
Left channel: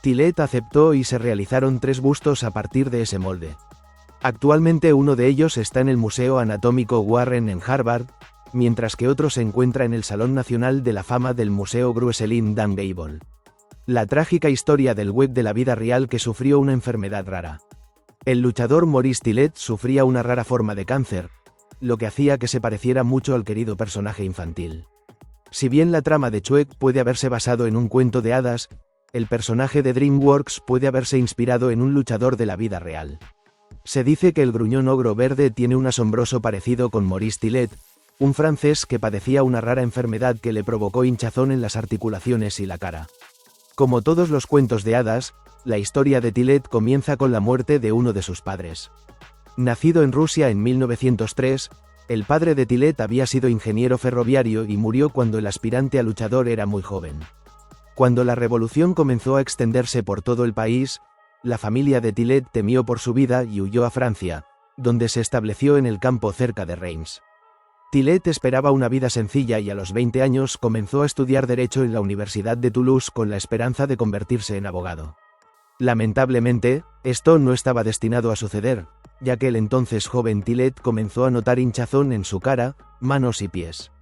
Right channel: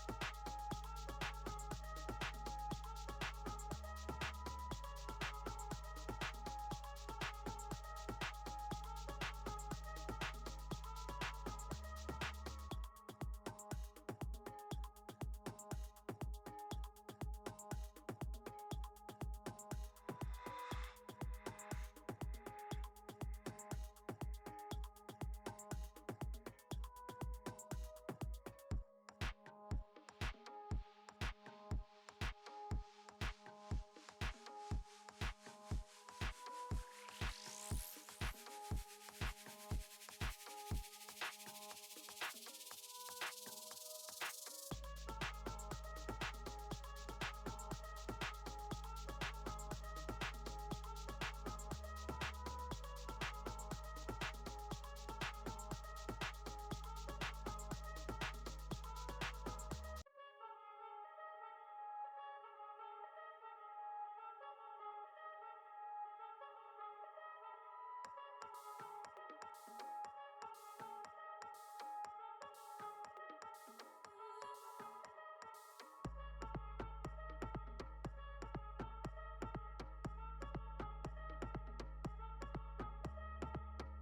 Tillet aceptó y se realizaron 3 bustos a partir de ese molde. Actualmente uno de ellos está en el Museo Anatómico Warren en Harvard, mientras que otro se encuentra en el Salón Nacional de la Fama del Museo Wrestling Dan Gable. La trágica historia del web de la vida real que sufrió una enfermedad rara. El luchador Maurice Tillet sufría una rara forma de cáncer, lo que hacía que se pareciera mucho al querido personaje infantil. Si bien la trama de Shrek puede haberse basado en un cuento de hadas, el personaje de DreamWorks puede haberse inspirado en un luchador de la vida real. Se dice que el gruñón ogro verde tiene un asombroso parecido con Maurice Tillet, un francés que padecía una rara enfermedad que le provocó hinchazón en las articulaciones y la cara. Como todos los cuentos de hadas, la historia de Tillet comienza con la muerte de uno de sus padres. Nacido en Rusia en 1903, el padre de Tillet había sido ingeniero ferroviario y murió cuando el aspirante a luchador era muy joven. Cuando la revolución comenzó a extenderse por todo el país, la familia de Tillet temió por su vida y huyó a Francia, donde se estableció en el campo cerca de Reims. Tillet esperaba una vida sencilla y a los 20 años comenzó a estudiar Derecho en la Universidad de Toulouse con la esperanza de convertirse en abogado. Lamentablemente, esto no estaba destinado a suceder, ya que el entonces joven Tillet comenzó a notar hinchazón en su cara, manos y pies.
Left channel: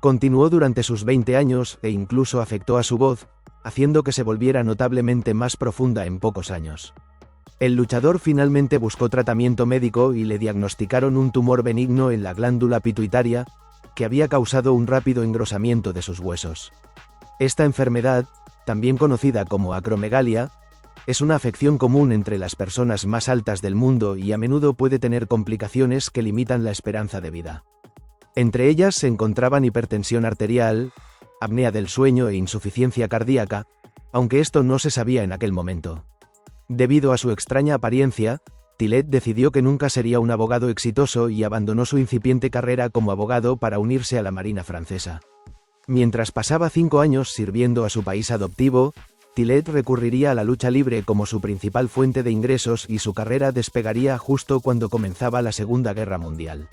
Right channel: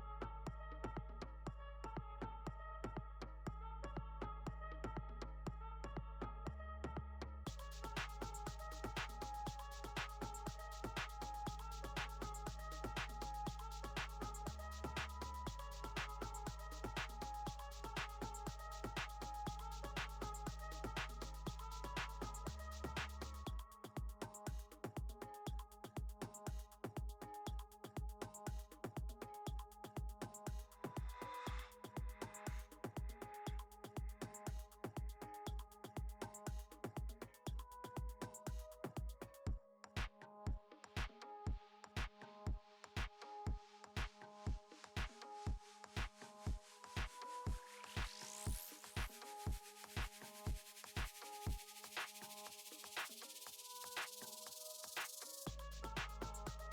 Continuó durante sus 20 años e incluso afectó a su voz, haciendo que se volviera notablemente más profunda en pocos años. El luchador finalmente buscó tratamiento médico y le diagnosticaron un tumor benigno en la glándula pituitaria, que había causado un rápido engrosamiento de sus huesos. Esta enfermedad, también conocida como acromegalia, es una afección común entre las personas más altas del mundo y a menudo puede tener complicaciones que limitan la esperanza de vida. Entre ellas se encontraban hipertensión arterial, apnea del sueño e insuficiencia cardíaca, aunque esto no se sabía en aquel momento. Debido a su extraña apariencia, Tillet decidió que nunca sería un abogado exitoso y abandonó su incipiente carrera como abogado para unirse a la Marina francesa. Mientras pasaba 5 años sirviendo a su país adoptivo, Tillet recurriría a la lucha libre como su principal fuente de ingresos y su carrera despegaría justo cuando comenzaba la Segunda Guerra Mundial.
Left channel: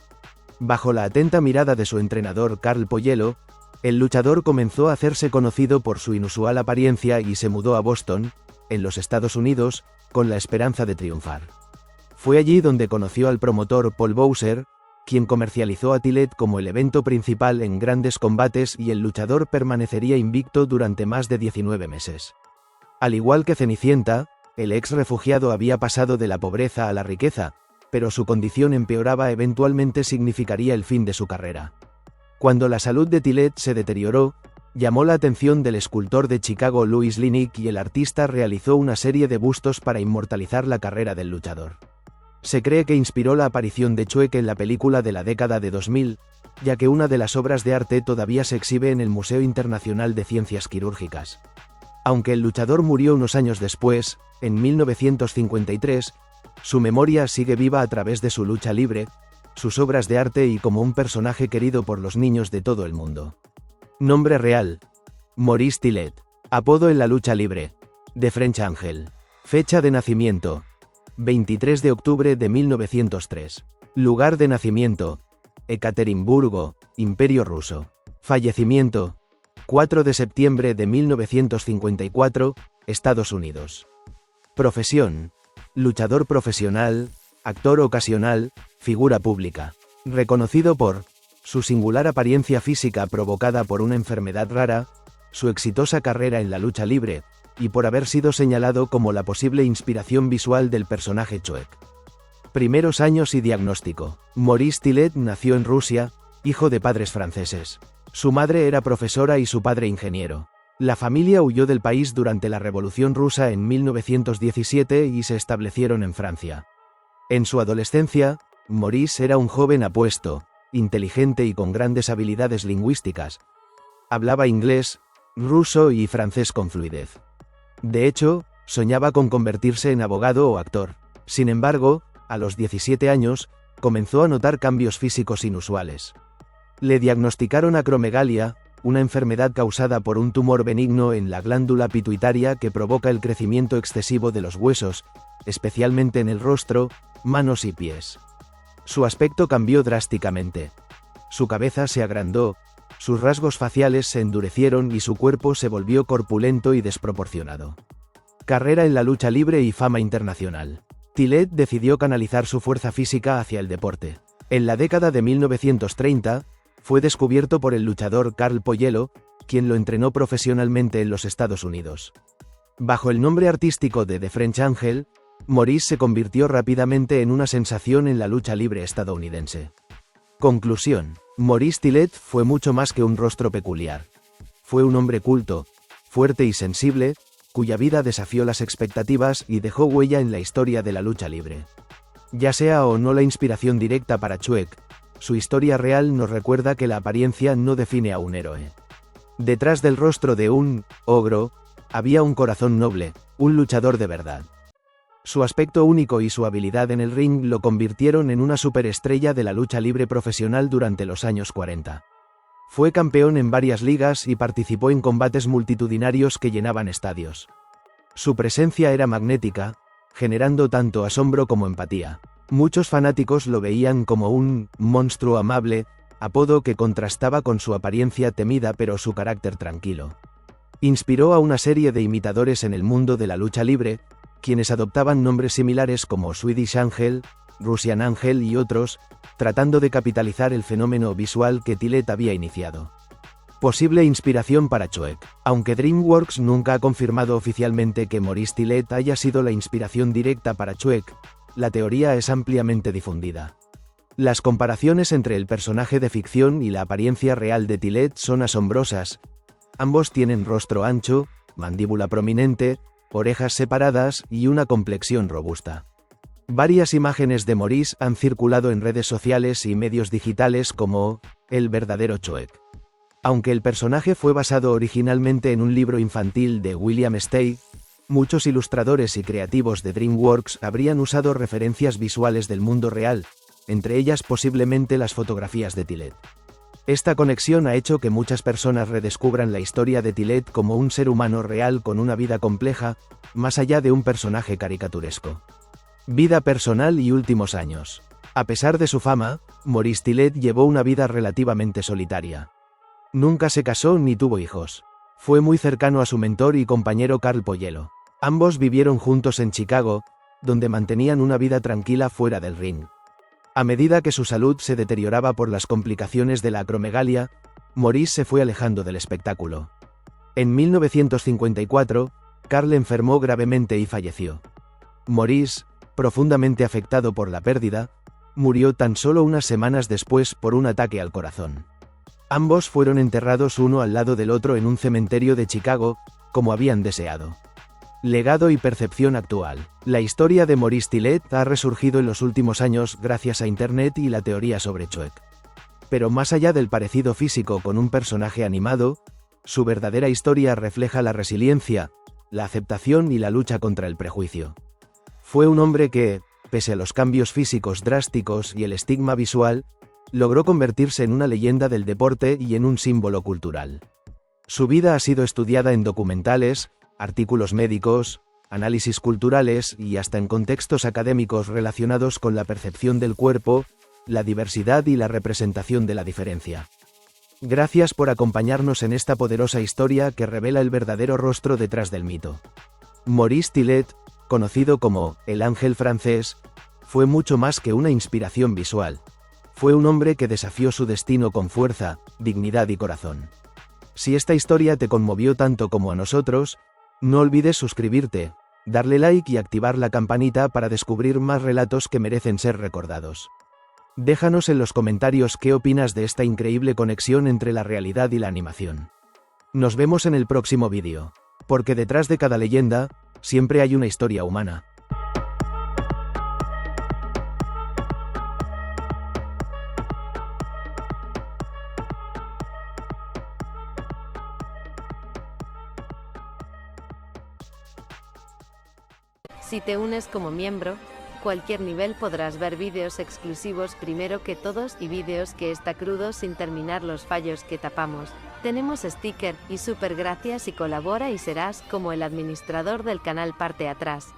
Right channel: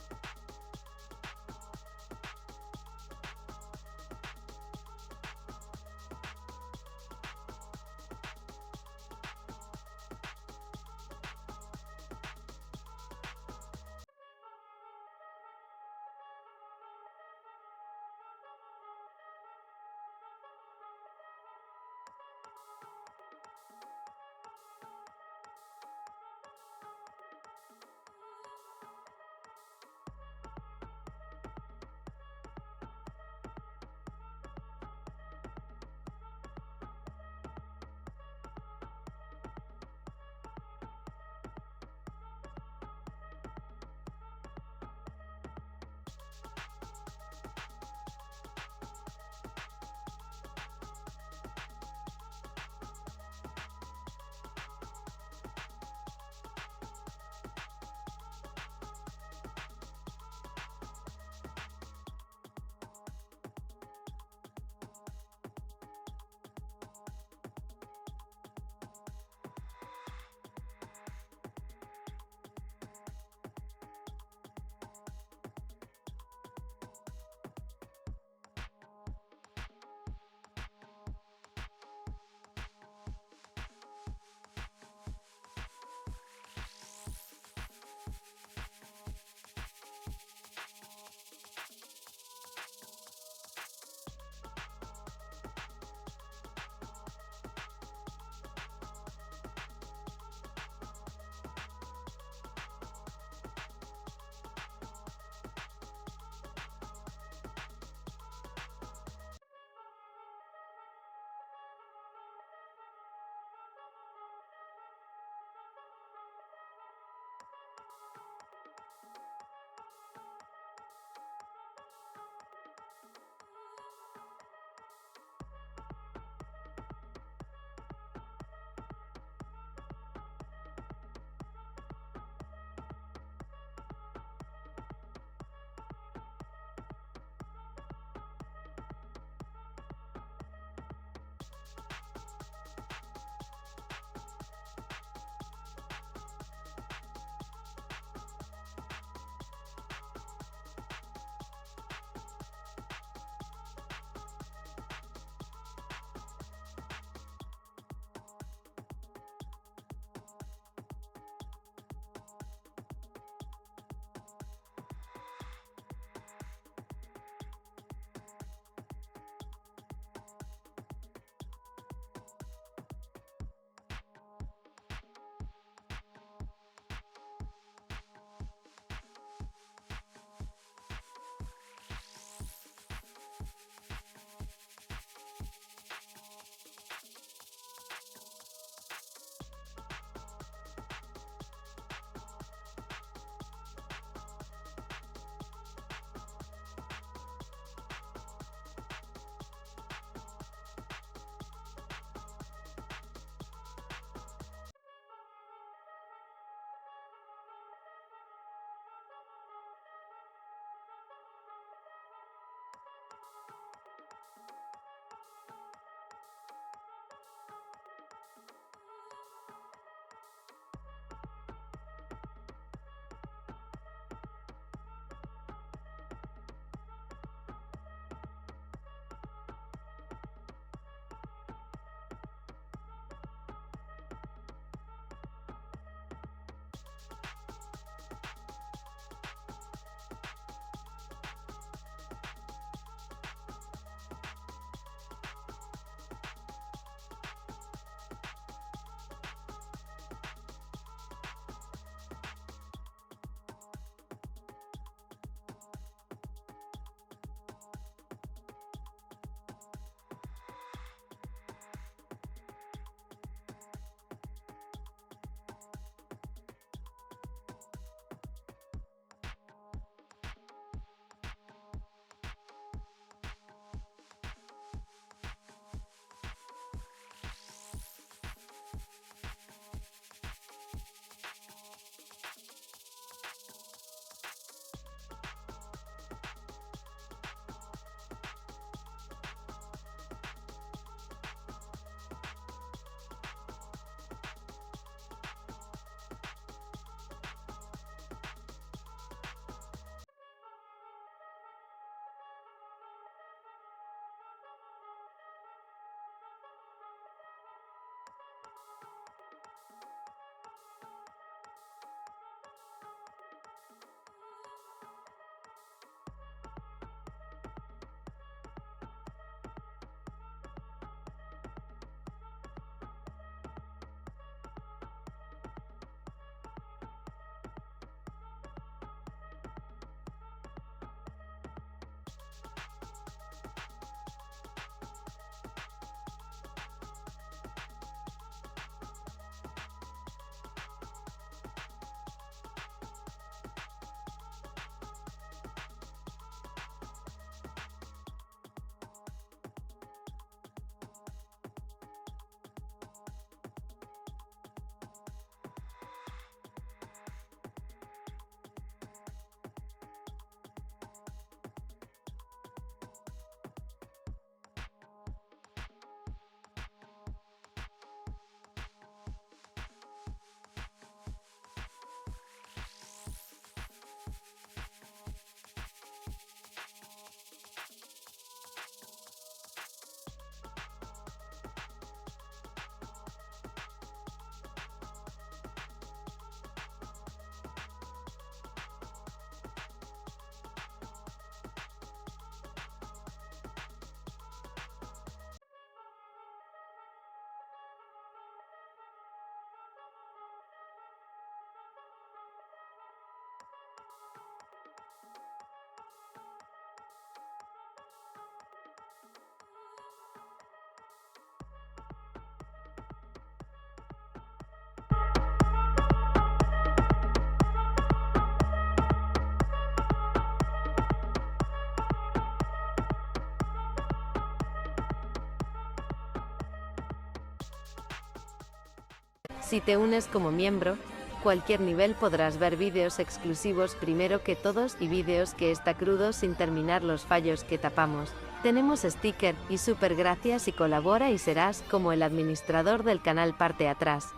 Bajo la atenta mirada de su entrenador Carl Poyello, el luchador comenzó a hacerse conocido por su inusual apariencia y se mudó a Boston, en los Estados Unidos, con la esperanza de triunfar. Fue allí donde conoció al promotor Paul Bowser, quien comercializó a Tillet como el evento principal en grandes combates y el luchador permanecería invicto durante más de 19 meses. Al igual que Cenicienta, el ex refugiado había pasado de la pobreza a la riqueza, pero su condición empeoraba eventualmente significaría el fin de su carrera. Cuando la salud de Tillet se deterioró, llamó la atención del escultor de Chicago Louis Linick y el artista realizó una serie de bustos para inmortalizar la carrera del luchador. Se cree que inspiró la aparición de Chuek en la película de la década de 2000, ya que una de las obras de arte todavía se exhibe en el Museo Internacional de Ciencias Quirúrgicas. Aunque el luchador murió unos años después, en 1953, su memoria sigue viva a través de su lucha libre, sus obras de arte y como un personaje querido por los niños de todo el mundo. Nombre real: Maurice Tillet. Apodo en la lucha libre: The French Angel. Fecha de nacimiento: 23 de octubre de 1903. Lugar de nacimiento: Ekaterimburgo, Imperio Ruso. Fallecimiento: 4 de septiembre de 1954, Estados Unidos. Profesión: luchador profesional, actor ocasional, figura pública. Reconocido por su singular apariencia física provocada por una enfermedad rara, su exitosa carrera en la lucha libre, y por haber sido señalado como la posible inspiración visual del personaje Chuek. Primeros años y diagnóstico. Maurice Tillet nació en Rusia, hijo de padres franceses. Su madre era profesora y su padre ingeniero. La familia huyó del país durante la Revolución Rusa en 1917 y se establecieron en Francia. En su adolescencia, Maurice era un joven apuesto, inteligente y con grandes habilidades lingüísticas. Hablaba inglés, ruso y francés con fluidez. De hecho, soñaba con convertirse en abogado o actor. Sin embargo, a los 17 años, comenzó a notar cambios físicos inusuales. Le diagnosticaron acromegalia, una enfermedad causada por un tumor benigno en la glándula pituitaria que provoca el crecimiento excesivo de los huesos, especialmente en el rostro, manos y pies. Su aspecto cambió drásticamente. Su cabeza se agrandó, sus rasgos faciales se endurecieron y su cuerpo se volvió corpulento y desproporcionado. Carrera en la lucha libre y fama internacional. Tillet decidió canalizar su fuerza física hacia el deporte. En la década de 1930, fue descubierto por el luchador Carl Poyello, quien lo entrenó profesionalmente en los Estados Unidos. Bajo el nombre artístico de The French Angel, Maurice se convirtió rápidamente en una sensación en la lucha libre estadounidense. Conclusión: Maurice Tillet fue mucho más que un rostro peculiar. Fue un hombre culto, fuerte y sensible, cuya vida desafió las expectativas y dejó huella en la historia de la lucha libre. Ya sea o no la inspiración directa para Chuek, su historia real nos recuerda que la apariencia no define a un héroe. Detrás del rostro de un ogro, Había un corazón noble, un luchador de verdad. Su aspecto único y su habilidad en el ring lo convirtieron en una superestrella de la lucha libre profesional durante los años 40. Fue campeón en varias ligas y participó en combates multitudinarios que llenaban estadios. Su presencia era magnética, generando tanto asombro como empatía. Muchos fanáticos lo veían como un monstruo amable, apodo que contrastaba con su apariencia temida pero su carácter tranquilo. Inspiró a una serie de imitadores en el mundo de la lucha libre, quienes adoptaban nombres similares como Swedish Angel, Russian Angel y otros, tratando de capitalizar el fenómeno visual que Tillet había iniciado. Posible inspiración para Choek. Aunque DreamWorks nunca ha confirmado oficialmente que Maurice Tillet haya sido la inspiración directa para Choek, la teoría es ampliamente difundida. Las comparaciones entre el personaje de ficción y la apariencia real de Tillet son asombrosas. Ambos tienen rostro ancho, mandíbula prominente, orejas separadas y una complexión robusta. Varias imágenes de Maurice han circulado en redes sociales y medios digitales como el verdadero Choek. Aunque el personaje fue basado originalmente en un libro infantil de William Steig, muchos ilustradores y creativos de DreamWorks habrían usado referencias visuales del mundo real, entre ellas posiblemente las fotografías de Tillet. Esta conexión ha hecho que muchas personas redescubran la historia de Tillet como un ser humano real con una vida compleja, más allá de un personaje caricaturesco. Vida personal y últimos años. A pesar de su fama, Maurice Tillet llevó una vida relativamente solitaria. Nunca se casó ni tuvo hijos. Fue muy cercano a su mentor y compañero Carl Poyello. Ambos vivieron juntos en Chicago, donde mantenían una vida tranquila fuera del ring. A medida que su salud se deterioraba por las complicaciones de la acromegalia, Maurice se fue alejando del espectáculo. En 1954, Carl enfermó gravemente y falleció. Maurice, profundamente afectado por la pérdida, murió tan solo unas semanas después por un ataque al corazón. Ambos fueron enterrados uno al lado del otro en un cementerio de Chicago, como habían deseado. Legado y percepción actual. La historia de Maurice Tillet ha resurgido en los últimos años gracias a Internet y la teoría sobre Choek. Pero más allá del parecido físico con un personaje animado, su verdadera historia refleja la resiliencia, la aceptación y la lucha contra el prejuicio. Fue un hombre que, pese a los cambios físicos drásticos y el estigma visual, logró convertirse en una leyenda del deporte y en un símbolo cultural. Su vida ha sido estudiada en documentales, artículos médicos, análisis culturales y hasta en contextos académicos relacionados con la percepción del cuerpo, la diversidad y la representación de la diferencia. Gracias por acompañarnos en esta poderosa historia que revela el verdadero rostro detrás del mito. Maurice Tillet, conocido como el ángel francés, fue mucho más que una inspiración visual. Fue un hombre que desafió su destino con fuerza, dignidad y corazón. Si esta historia te conmovió tanto como a nosotros, no olvides suscribirte, darle like y activar la campanita para descubrir más relatos que merecen ser recordados. Déjanos en los comentarios qué opinas de esta increíble conexión entre la realidad y la animación. Nos vemos en el próximo vídeo, porque detrás de cada leyenda, siempre hay una historia humana. Si te unes como miembro, cualquier nivel podrás ver vídeos exclusivos primero que todos y vídeos que está crudo sin terminar los fallos que tapamos. Tenemos sticker y super gracias y colabora y serás como el administrador del canal parte atrás.